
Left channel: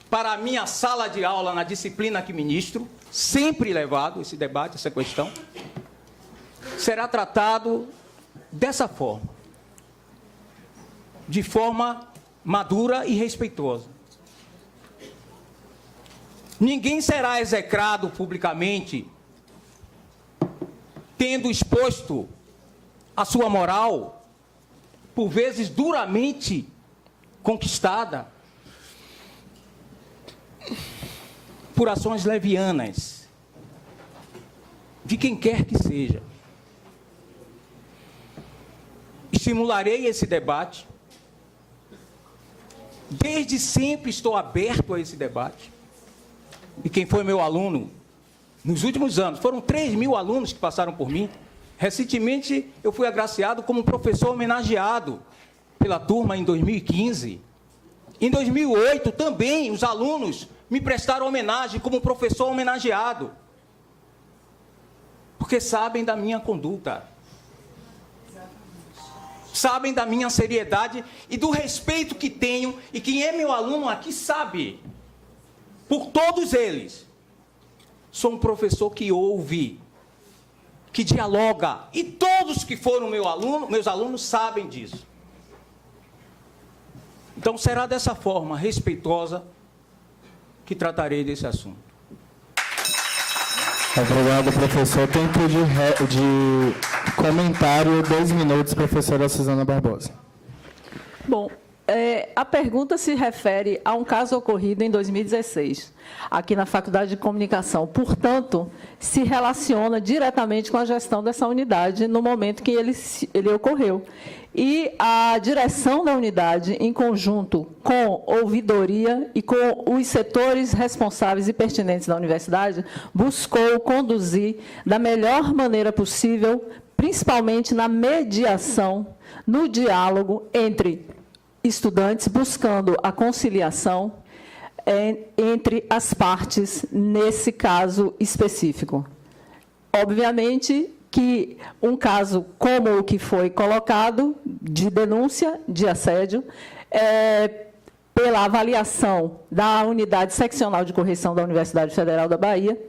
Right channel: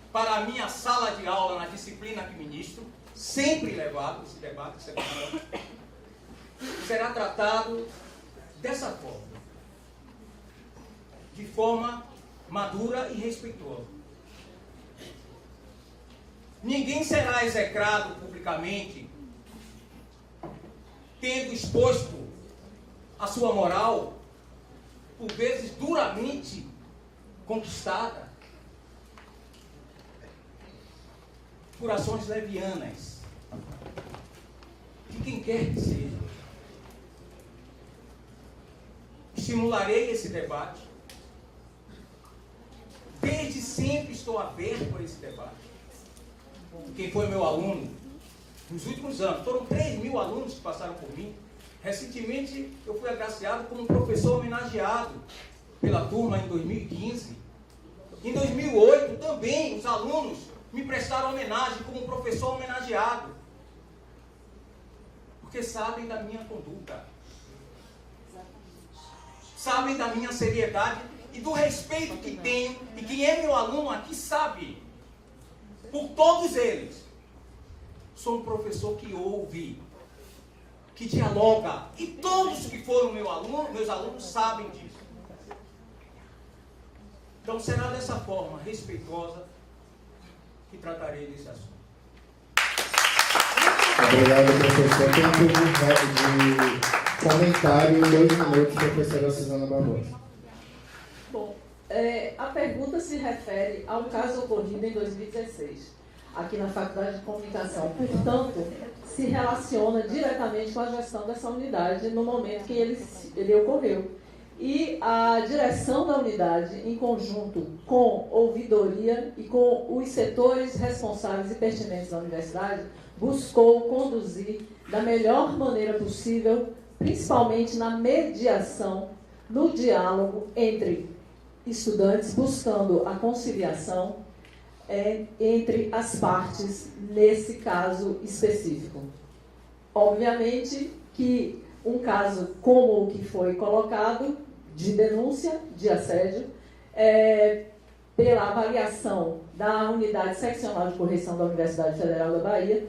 para a minha sala de aula na disciplina que ministro, sempre levado esse debate, essa questão, será tratado dessa forma, de forma madura e respeitosa. Ninguém será execrado publicamente tendo exposto a sua moral, por vezes duramente conquistada, por ações levianas, de quem quer que seja. Estimularei esse debate. Desde sempre estou aberto a esse debate. E quem foi meu aluno nos últimos anos, foram 3.000 alunos que passaram por mim. Recentemente, eu fui agraciado como professor homenageado pela turma em 2015. Em 2008, também, os alunos me prestaram homenagem como professor homenageado. Porque sabem da minha conduta. Sabem da minha seriedade e do respeito que tenho. E quem é meu aluno aqui sabe. Por todos eles. Sou um professor que ouve, que dialoga. E todos que foram meus alunos sabem disso. Então será dessa forma respeitosa que tratarei desse assunto. Obrigado, professor. Tempo de comentário, 2 minutos, professora Suzana Barbosa. Bom, a pergunta se refere a um caso ocorrido em 2016, aqui na Faculdade de Comunicação. Portanto, se relaciona diretamente com a gestão dessa unidade no momento que ele ocorreu. E a direção da unidade, em conjunto com ouvidoria e com os setores responsáveis e pertinentes da universidade, buscou conduzir da melhor maneira possível, principalmente na mediação, no diálogo entre estudantes, buscando a conciliação entre as partes nesse caso específico. Obviamente que um caso como o que foi colocado, de denúncia de assédio, pela avaliação da Unidade Seccional de Correição da Universidade Federal da Bahia,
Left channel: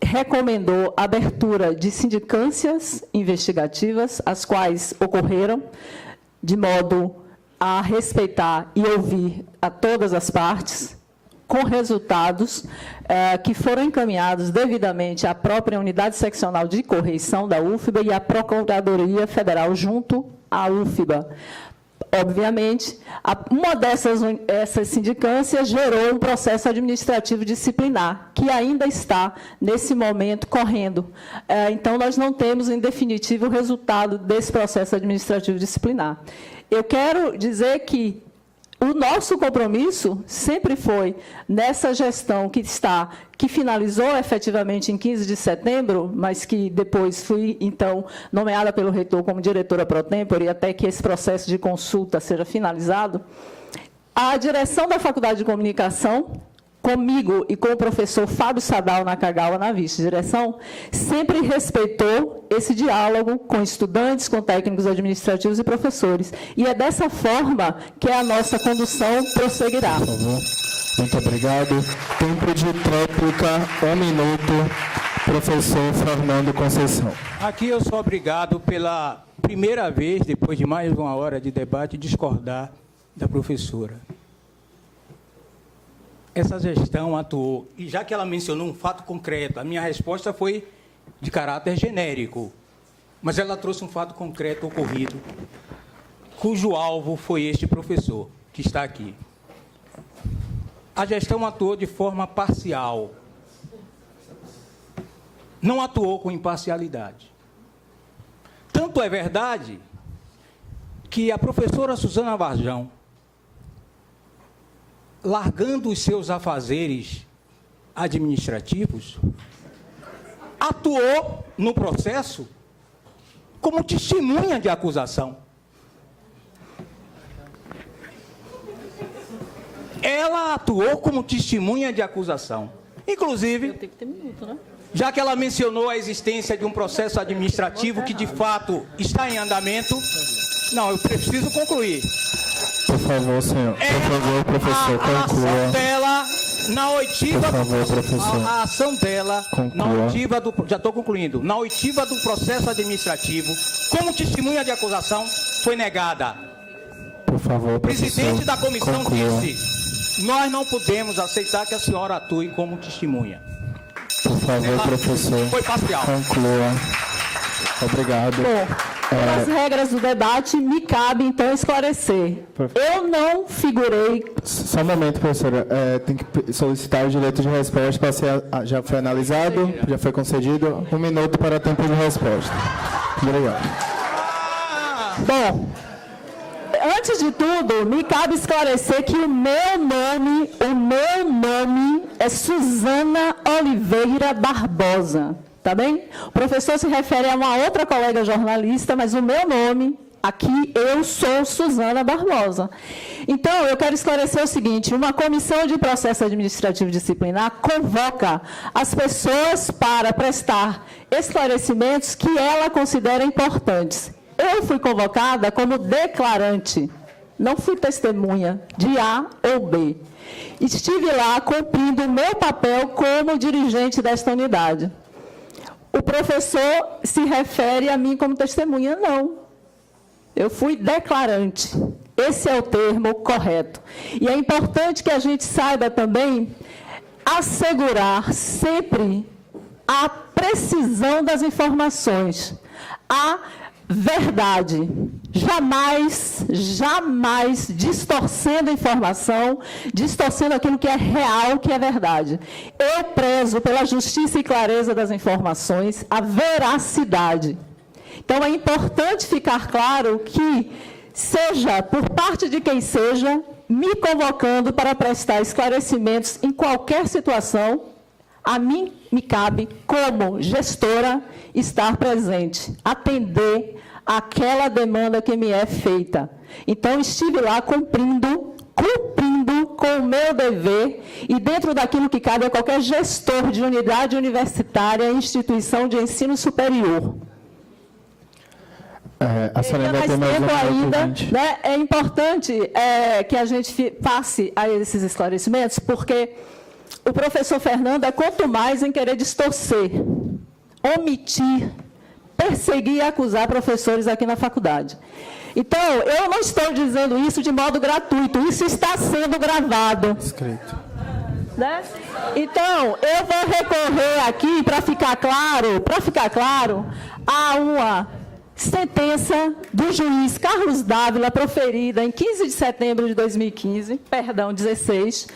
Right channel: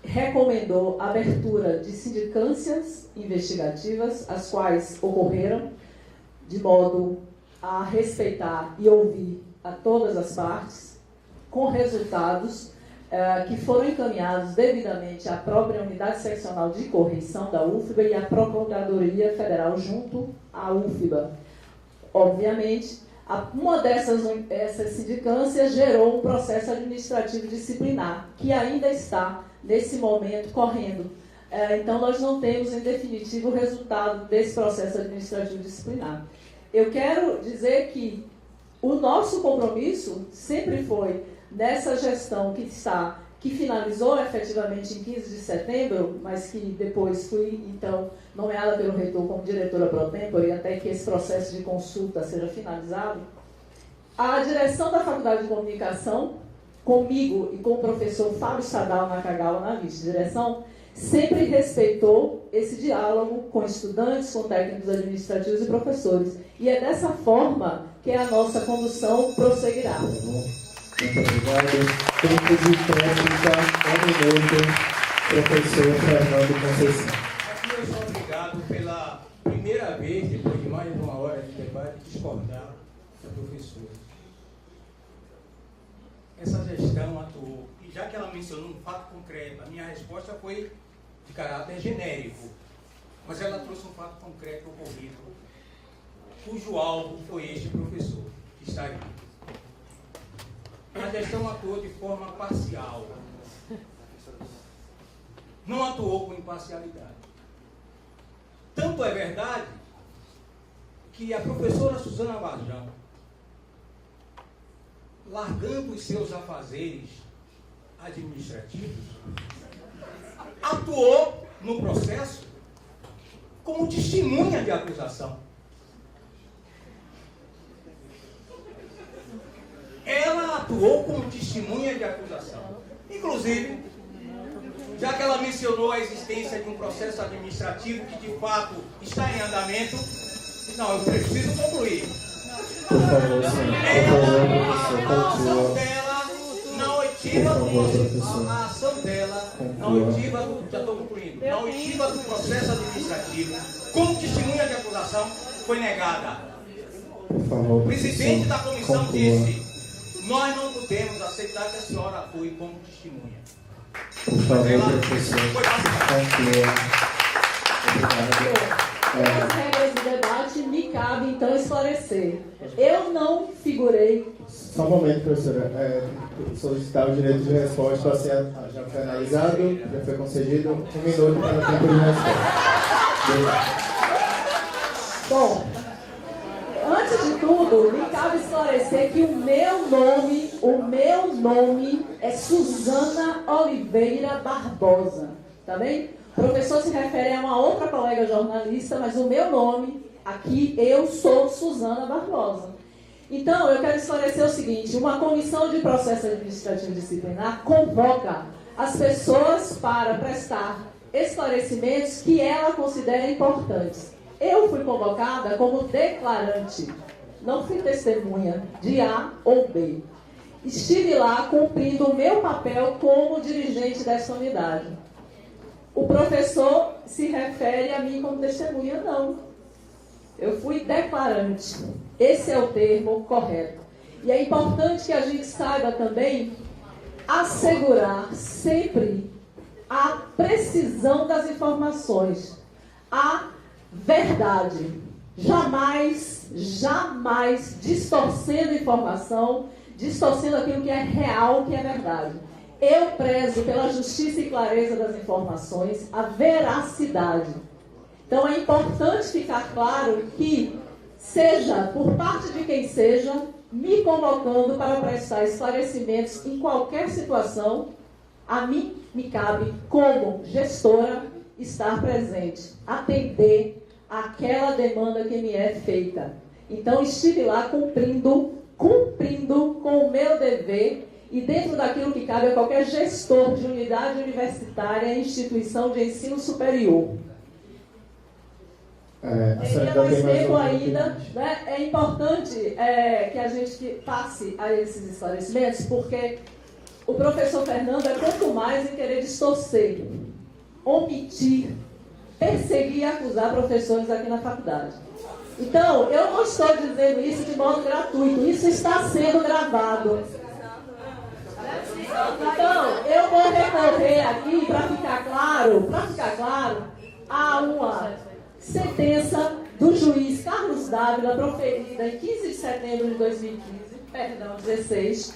recomendou a abertura de sindicâncias investigativas, as quais ocorreram de modo a respeitar e ouvir a todas as partes, com resultados que foram encaminhados devidamente à própria Unidade Seccional de Correição da UFBA e à Procuradoria Federal junto à UFBA. Obviamente, uma essas sindicâncias gerou um processo administrativo disciplinar, que ainda está, nesse momento, correndo. Então, nós não temos, em definitivo, o resultado desse processo administrativo disciplinar. Eu quero dizer que o nosso compromisso sempre foi, nessa gestão que finalizou efetivamente em 15 de setembro, mas que depois fui, então, nomeada pelo reitor como diretora pro tempore, até que esse processo de consulta seja finalizado, a direção da Faculdade de Comunicação, comigo e com o professor Fábio Sadal Nakagawa na vice-direção, sempre respeitou esse diálogo com estudantes, com técnicos administrativos e professores. E é dessa forma que a nossa condução prosseguirá. Muito obrigado. Tempo de réplica, 1 minuto, professor Fernando Conceição. Aqui eu sou obrigado pela primeira vez, depois de mais de 1 hora de debate, discordar da professora. Essa gestão atuou, e já que ela mencionou um fato concreto, a minha resposta foi de caráter genérico, mas ela trouxe um fato concreto ocorrido, cujo alvo foi este professor que está aqui. A gestão atuou de forma parcial, não atuou com imparcialidade. Tanto é verdade que a professora Suzana Varjão, largando os seus afazeres administrativos, atuou no processo como testemunha de acusação. Ela atuou como testemunha de acusação. Inclusive, já que ela mencionou a existência de um processo administrativo que de fato está em andamento, não, eu preciso concluir. Por favor, senhor. Por favor, professor, conclua. A ação dela, na oitiva do, já estou concluindo, na oitiva do processo administrativo, como testemunha de acusação, foi negada. Por favor, O presidente da professor, comissão conclua. disse: nós não podemos aceitar que a senhora atue como testemunha. Por favor, professor, Foi parcial. conclua. Obrigado. As regras do debate me cabe, então, esclarecer. Eu não figurei... Só um momento, professora. Tem que solicitar o direito de resposta. Já foi analisado, já foi concedido. 1 minuto para tempo de resposta. Obrigado. Bom, antes de tudo, me cabe esclarecer que o meu nome é Suzana Oliveira Barbosa. Tá bem? O professor se refere a uma outra colega jornalista, mas o meu nome, aqui, eu sou Suzana Barbosa. Então, eu quero esclarecer o seguinte: uma comissão de processo administrativo disciplinar convoca as pessoas para prestar esclarecimentos que ela considera importantes. Eu fui convocada como declarante, não fui testemunha de A ou B. Estive lá cumprindo o meu papel como dirigente desta unidade. O professor se refere a mim como testemunha, não. Eu fui declarante. Esse é o termo correto. E é importante que a gente saiba também assegurar sempre a precisão das informações, a verdade. Jamais distorcendo a informação, distorcendo aquilo que é real, que é verdade. Eu prezo pela justiça e clareza das informações, a veracidade. Então, é importante ficar claro que, seja por parte de quem seja, me convocando para prestar esclarecimentos em qualquer situação, a mim me cabe, como gestora, estar presente, atender aquela demanda que me é feita. Então, estive lá cumprindo com o meu dever e dentro daquilo que cabe a qualquer gestor de unidade universitária e instituição de ensino superior. A senhora vai ter mais ainda, né? É importante que a gente passe a esses esclarecimentos, porque o professor Fernando é quanto mais em querer distorcer, omitir, perseguir e acusar professores aqui na faculdade. Então, eu não estou dizendo isso de modo gratuito, isso está sendo gravado. Né? Então, eu vou recorrer aqui, para ficar claro, a uma sentença do juiz Carlos Dávila, proferida em 15 de setembro de 2015, 16,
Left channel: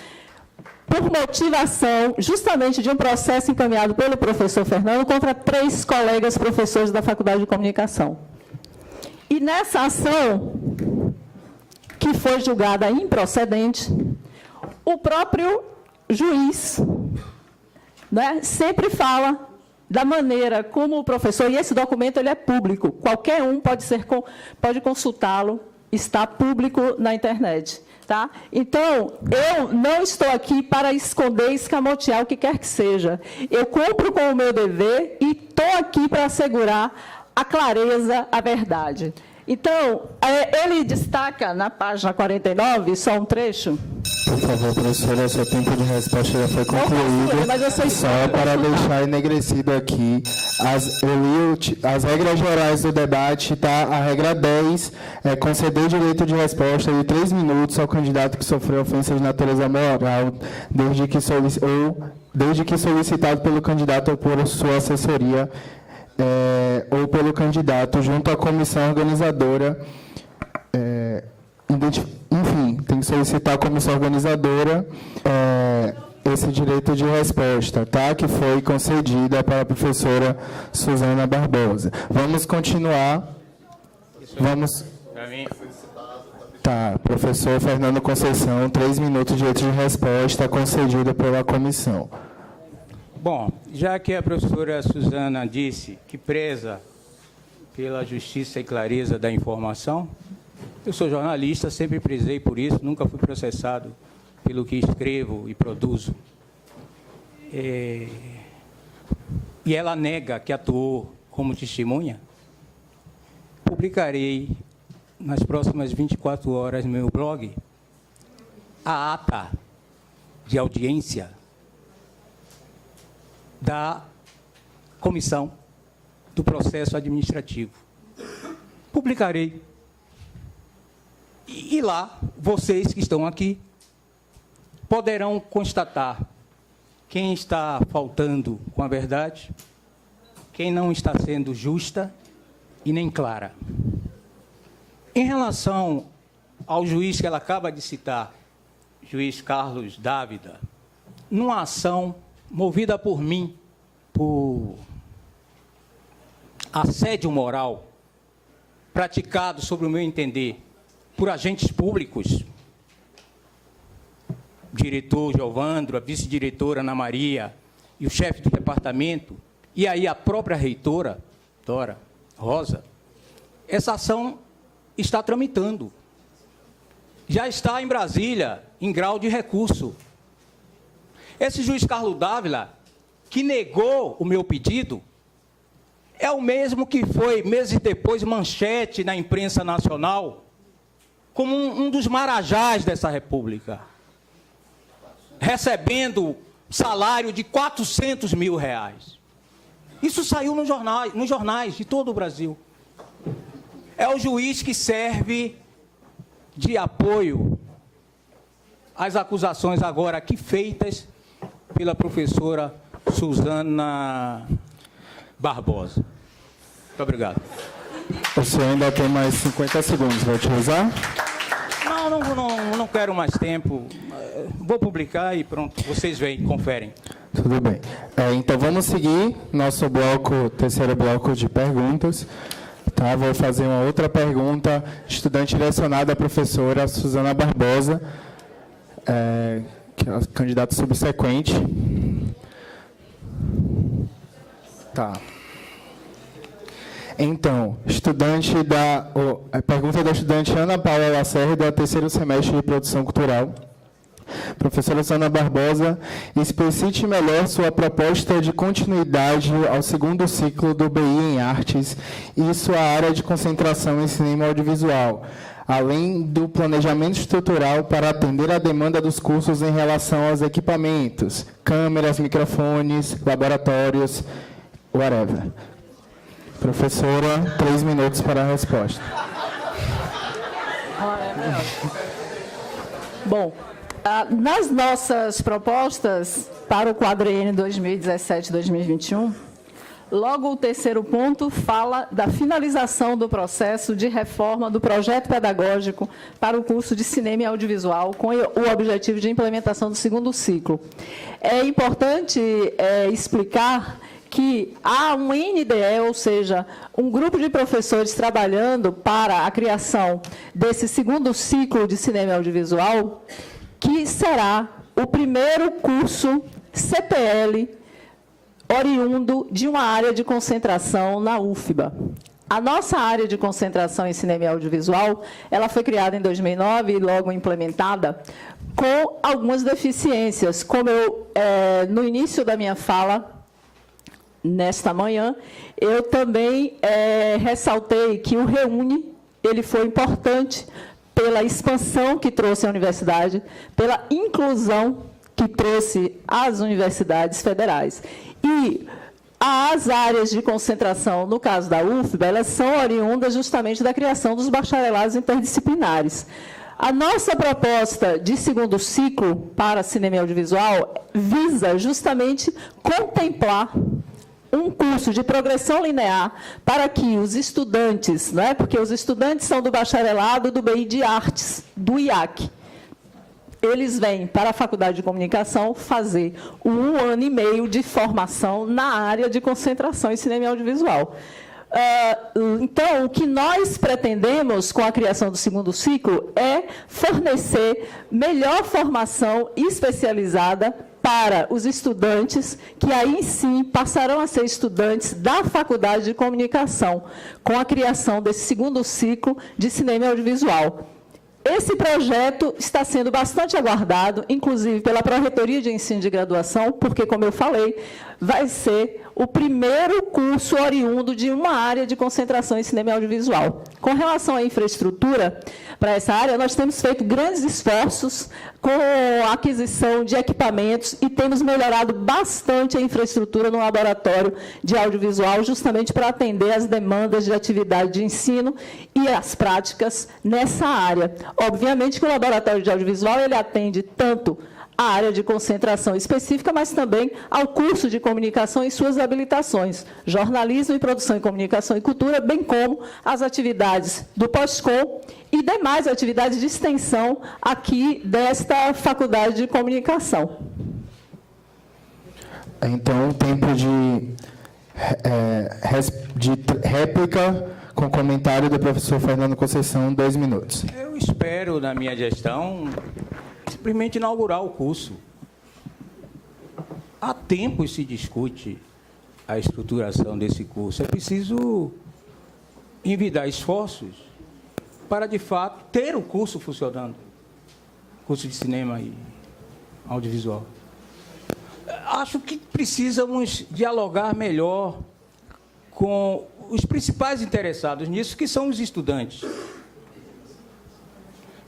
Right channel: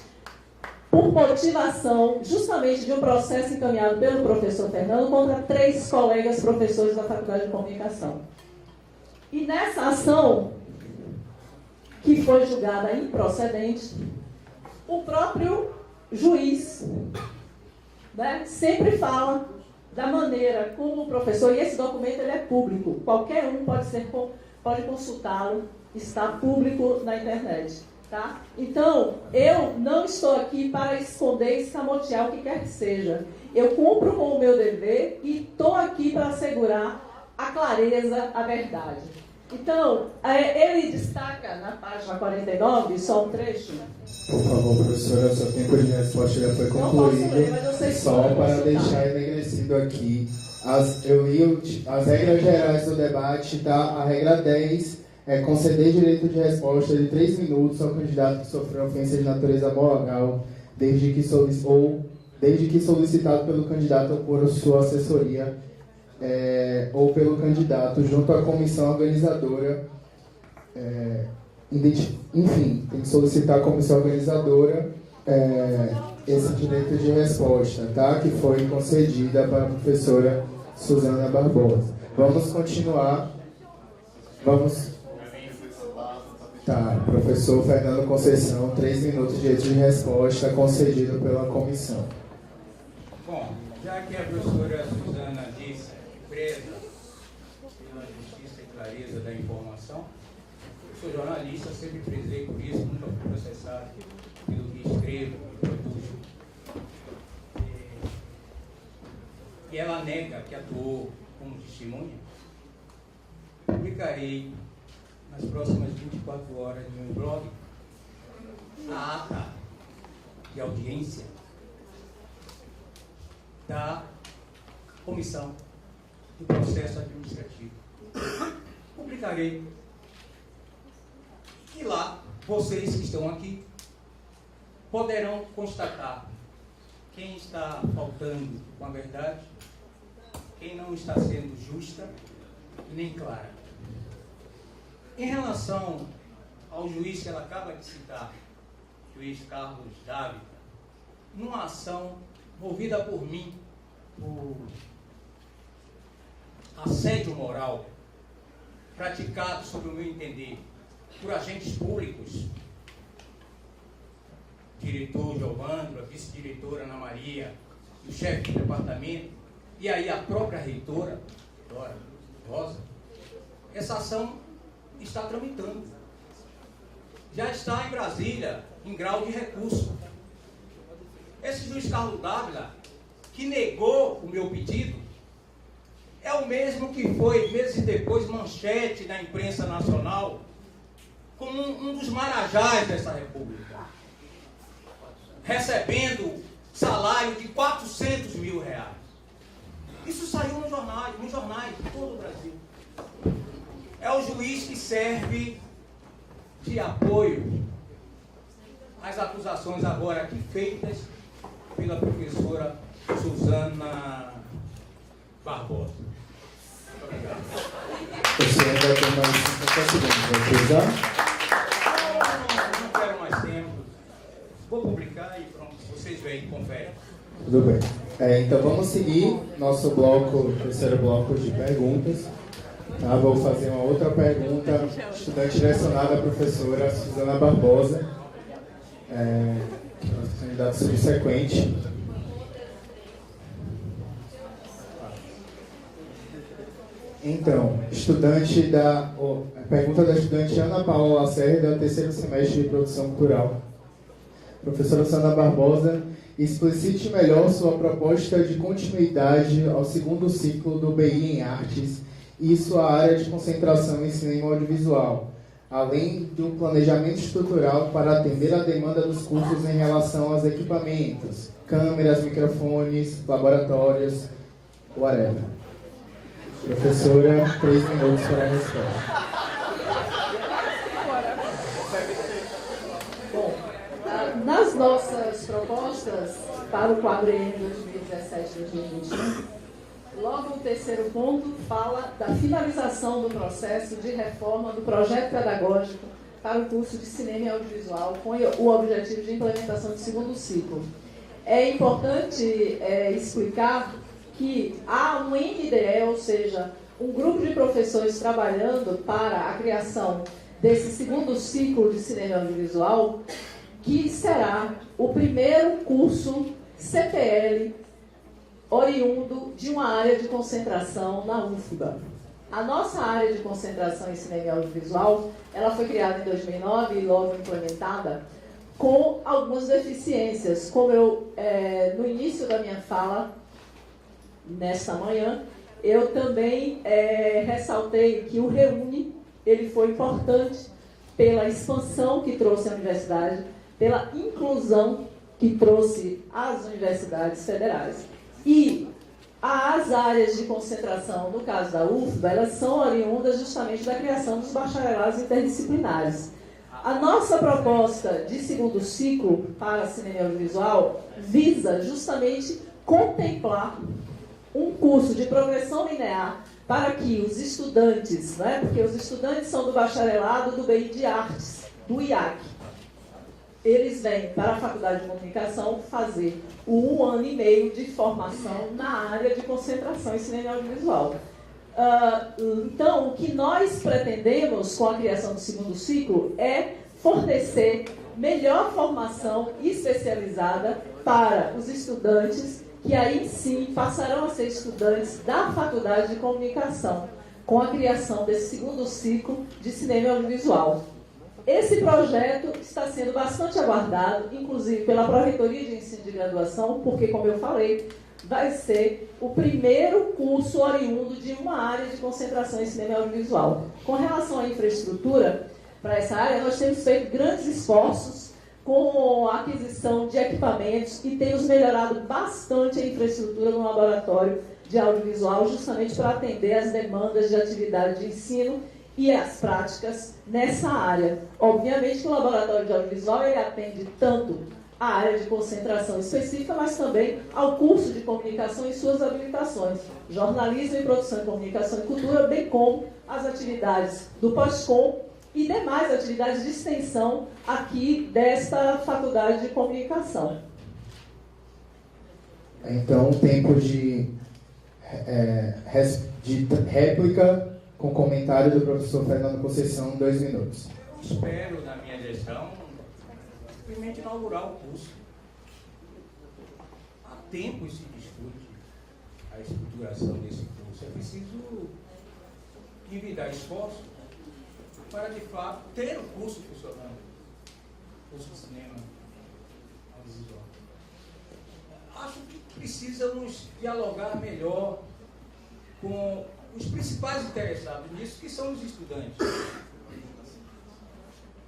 por motivação justamente de um processo encaminhado pelo professor Fernando contra 3 colegas professores da Faculdade de Comunicação. E nessa ação, que foi julgada improcedente, o próprio juiz, né, sempre fala da maneira como o professor, e esse documento ele é público, qualquer um pode consultá-lo, está público na internet. Tá? Então, eu não estou aqui para esconder, escamotear o que quer que seja. Eu cumpro com o meu dever e estou aqui para assegurar a clareza, a verdade. Então, ele destaca na página 49, só um trecho. Por favor, professora, seu tempo de resposta já foi concluído. Só para deixar enegrecido aqui, as regras gerais do debate, tá? A regra 10 é conceder direito de resposta de 3 minutos ao candidato que sofreu ofensa de natureza moral, desde que solicitado pelo candidato ou por sua assessoria, ou pelo candidato junto à comissão organizadora. Enfim, tem que solicitar à comissão organizadora esse direito de resposta, tá? Que foi concedida para a professora Suzana Barbosa. Vamos continuar. Tá, professor Fernando Conceição, 3 minutos de direito de resposta concedido pela comissão. Bom, já que a professora Suzana disse que preza pela justiça e clareza da informação, eu sou jornalista, sempre prezei por isso, nunca fui processado pelo que escrevo e produzo. E ela nega que atuou como testemunha. Publicarei nas próximas 24 horas no meu blog a ata de audiência da comissão do processo administrativo. Publicarei. E lá, vocês que estão aqui poderão constatar quem está faltando com a verdade, quem não está sendo justa e nem clara. Em relação ao juiz que ela acaba de citar, juiz Carlos Dávila, numa ação movida por mim, por assédio moral, praticado, sobre o meu entender, por agentes públicos, diretor Giovandro, a vice-diretora Ana Maria e o chefe de departamento, e aí a própria reitora, Dora Rosa, essa ação está tramitando. Já está em Brasília, em grau de recurso. Esse juiz Carlos Dávila, que negou o meu pedido, é o mesmo que foi, meses depois, manchete na imprensa nacional, como um dos marajás dessa república, recebendo salário de R$400 mil. Isso saiu nos jornais de todo o Brasil. É o juiz que serve de apoio às acusações agora aqui feitas pela professora Suzana Barbosa. Muito obrigado. O senhor ainda tem mais 50 segundos, vai utilizar? Não quero mais tempo. Vou publicar e pronto, vocês veem, conferem. Tudo bem. Então vamos seguir nosso bloco, terceiro bloco de perguntas. Tá, vou fazer uma outra pergunta, estudante direcionada à professora Suzana Barbosa, que é o candidato subsequente. Tá. Então, a pergunta da estudante Ana Paula Lacerda, do terceiro semestre de Produção Cultural. Professora Suzana Barbosa, explicite melhor sua proposta de continuidade ao segundo ciclo do BI em Artes e sua área de concentração em cinema audiovisual, além do planejamento estrutural para atender a demanda dos cursos em relação aos equipamentos, câmeras, microfones, laboratórios, whatever. Professora, 3 minutos para a resposta. Bom, nas nossas propostas para o quadriênio 2017-2021, logo o terceiro ponto fala da finalização do processo de reforma do projeto pedagógico para o curso de cinema e audiovisual, com o objetivo de implementação do segundo ciclo. É importante explicar que há um NDE, ou seja, um grupo de professores trabalhando para a criação desse segundo ciclo de cinema e audiovisual, que será o primeiro curso CPL oriundo de uma área de concentração na UFBA. A nossa área de concentração em cinema e audiovisual, ela foi criada em 2009 e logo implementada com algumas deficiências, como eu, no início da minha fala, nesta manhã, eu também ressaltei que o REUNE ele foi importante pela expansão que trouxe à universidade, pela inclusão que trouxe às universidades federais. E as áreas de concentração, no caso da UFBA, elas são oriundas justamente da criação dos bacharelados interdisciplinares. A nossa proposta de segundo ciclo para cinema e audiovisual visa justamente contemplar um curso de progressão linear para que os estudantes, né, porque os estudantes são do bacharelado do BI de Artes, do IAC, eles vêm para a Faculdade de Comunicação fazer 1 ano e meio de formação na área de concentração em cinema e audiovisual. Então, o que nós pretendemos com a criação do segundo ciclo é fornecer melhor formação especializada para os estudantes, que aí sim passarão a ser estudantes da Faculdade de Comunicação, com a criação desse segundo ciclo de cinema e audiovisual. Esse projeto está sendo bastante aguardado, inclusive pela Pró-Reitoria de Ensino de Graduação, porque, como eu falei, vai ser o primeiro curso oriundo de uma área de concentração em cinema e audiovisual. Com relação à infraestrutura, para essa área, nós temos feito grandes esforços com a aquisição de equipamentos e temos melhorado bastante a infraestrutura no laboratório de audiovisual, justamente para atender as demandas de atividade de ensino e as práticas nessa área. Obviamente que o laboratório de audiovisual ele atende tanto a área de concentração específica, mas também ao curso de comunicação e suas habilitações, jornalismo e produção em comunicação e cultura, bem como as atividades do pós-com e demais atividades de extensão aqui desta Faculdade de Comunicação. Então, tempo de réplica com comentário do professor Fernando Conceição, 2 minutos. Eu espero, na minha gestão, simplesmente inaugurar o curso. Há tempo se discute a estruturação desse curso. É preciso envidar esforços para, de fato, ter o curso funcionando. Curso de cinema e audiovisual. Acho que precisamos dialogar melhor com os principais interessados nisso, que são os estudantes.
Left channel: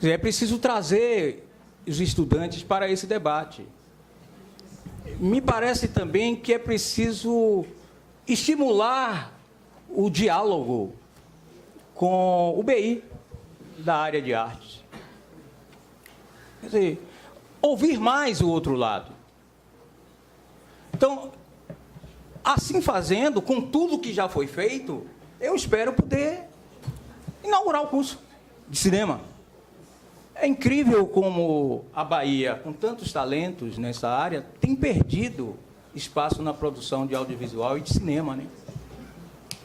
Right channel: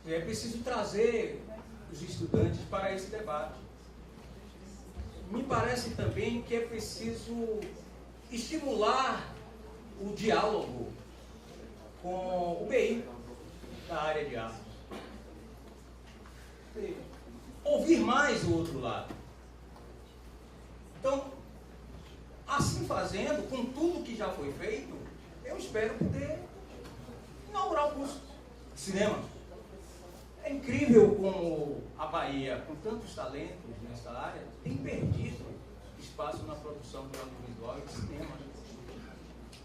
É preciso trazer os estudantes para esse debate. Me parece também que é preciso estimular o diálogo com o BI da área de artes. Quer dizer, ouvir mais o outro lado. Então, assim fazendo, com tudo que já foi feito, eu espero poder inaugurar o curso de cinema. É incrível como a Bahia, com tantos talentos nessa área, tem perdido espaço na produção de audiovisual e de cinema, né?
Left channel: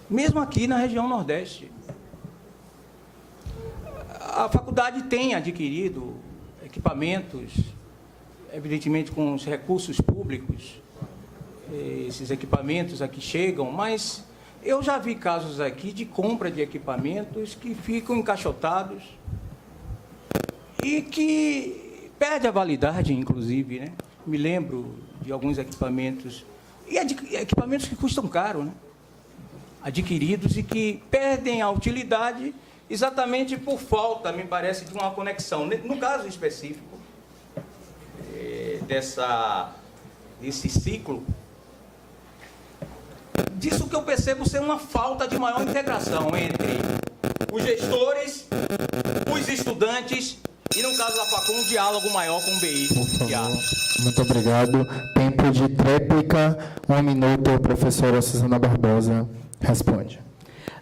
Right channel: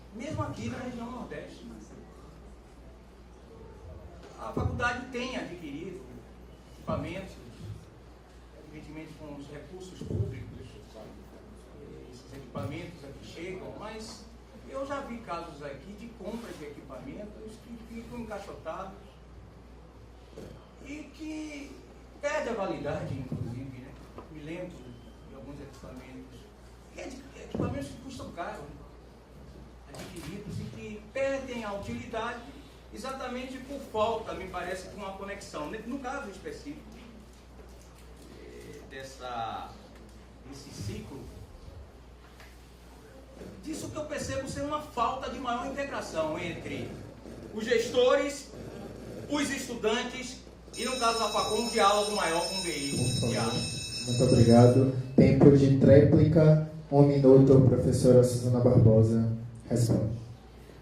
Mesmo aqui na região Nordeste. A faculdade tem adquirido equipamentos, evidentemente com os recursos públicos. Esses equipamentos aqui chegam, mas eu já vi casos aqui de compra de equipamentos que ficam encaixotados e que perde a validade, inclusive, né? Me lembro de alguns equipamentos, e equipamentos que custam caro, né? Adquiridos e que perdem a utilidade exatamente por falta, me parece, de uma conexão. No caso específico desse ciclo, disso que eu percebo ser uma falta de maior integração entre os gestores, os estudantes e, no caso da Facul, um diálogo maior com o BI. Muito obrigado. Tempo de réplica, 1 minuto, professora Suzana Barbosa responde.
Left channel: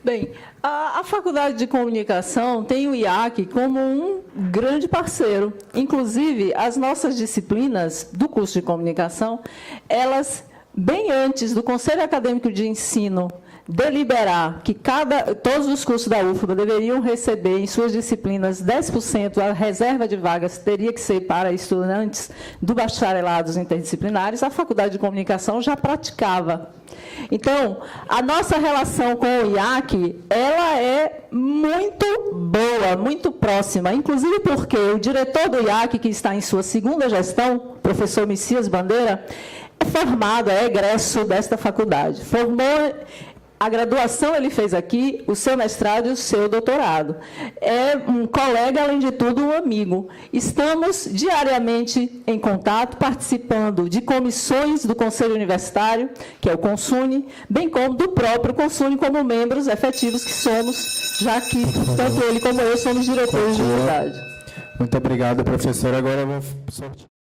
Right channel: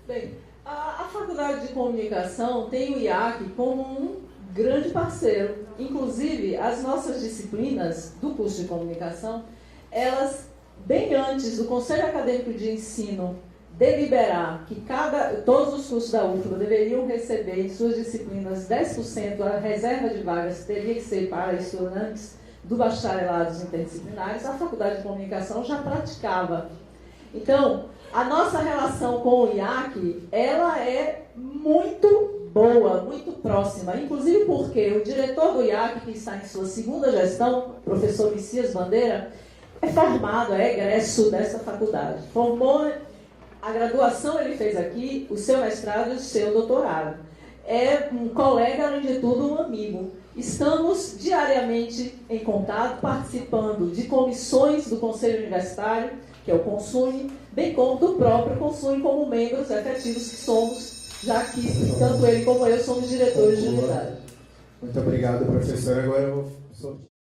Bem, a Faculdade de Comunicação tem o IAC como um grande parceiro. Inclusive, as nossas disciplinas do curso de comunicação, elas, bem antes do Conselho Acadêmico de Ensino deliberar que todos os cursos da UFBA deveriam receber em suas disciplinas 10%, a reserva de vagas teria que ser para estudantes do bacharelados interdisciplinares, a Faculdade de Comunicação já praticava. Então, a nossa relação com o IAC, ela é muito boa, muito próxima, inclusive porque o diretor do IAC, que está em sua segunda gestão, professor Messias Bandeira, é formado, é egresso desta faculdade. Formou A graduação ele fez aqui, o seu mestrado e o seu doutorado. É um colega, além de tudo, um amigo. Estamos diariamente em contato, participando de comissões do Conselho Universitário, que é o CONSUNE, bem como do próprio CONSUNE, como membros efetivos que somos, já que tanto ele como eu somos diretores de unidade. Muito obrigado, professora. Agora eu vou sortear.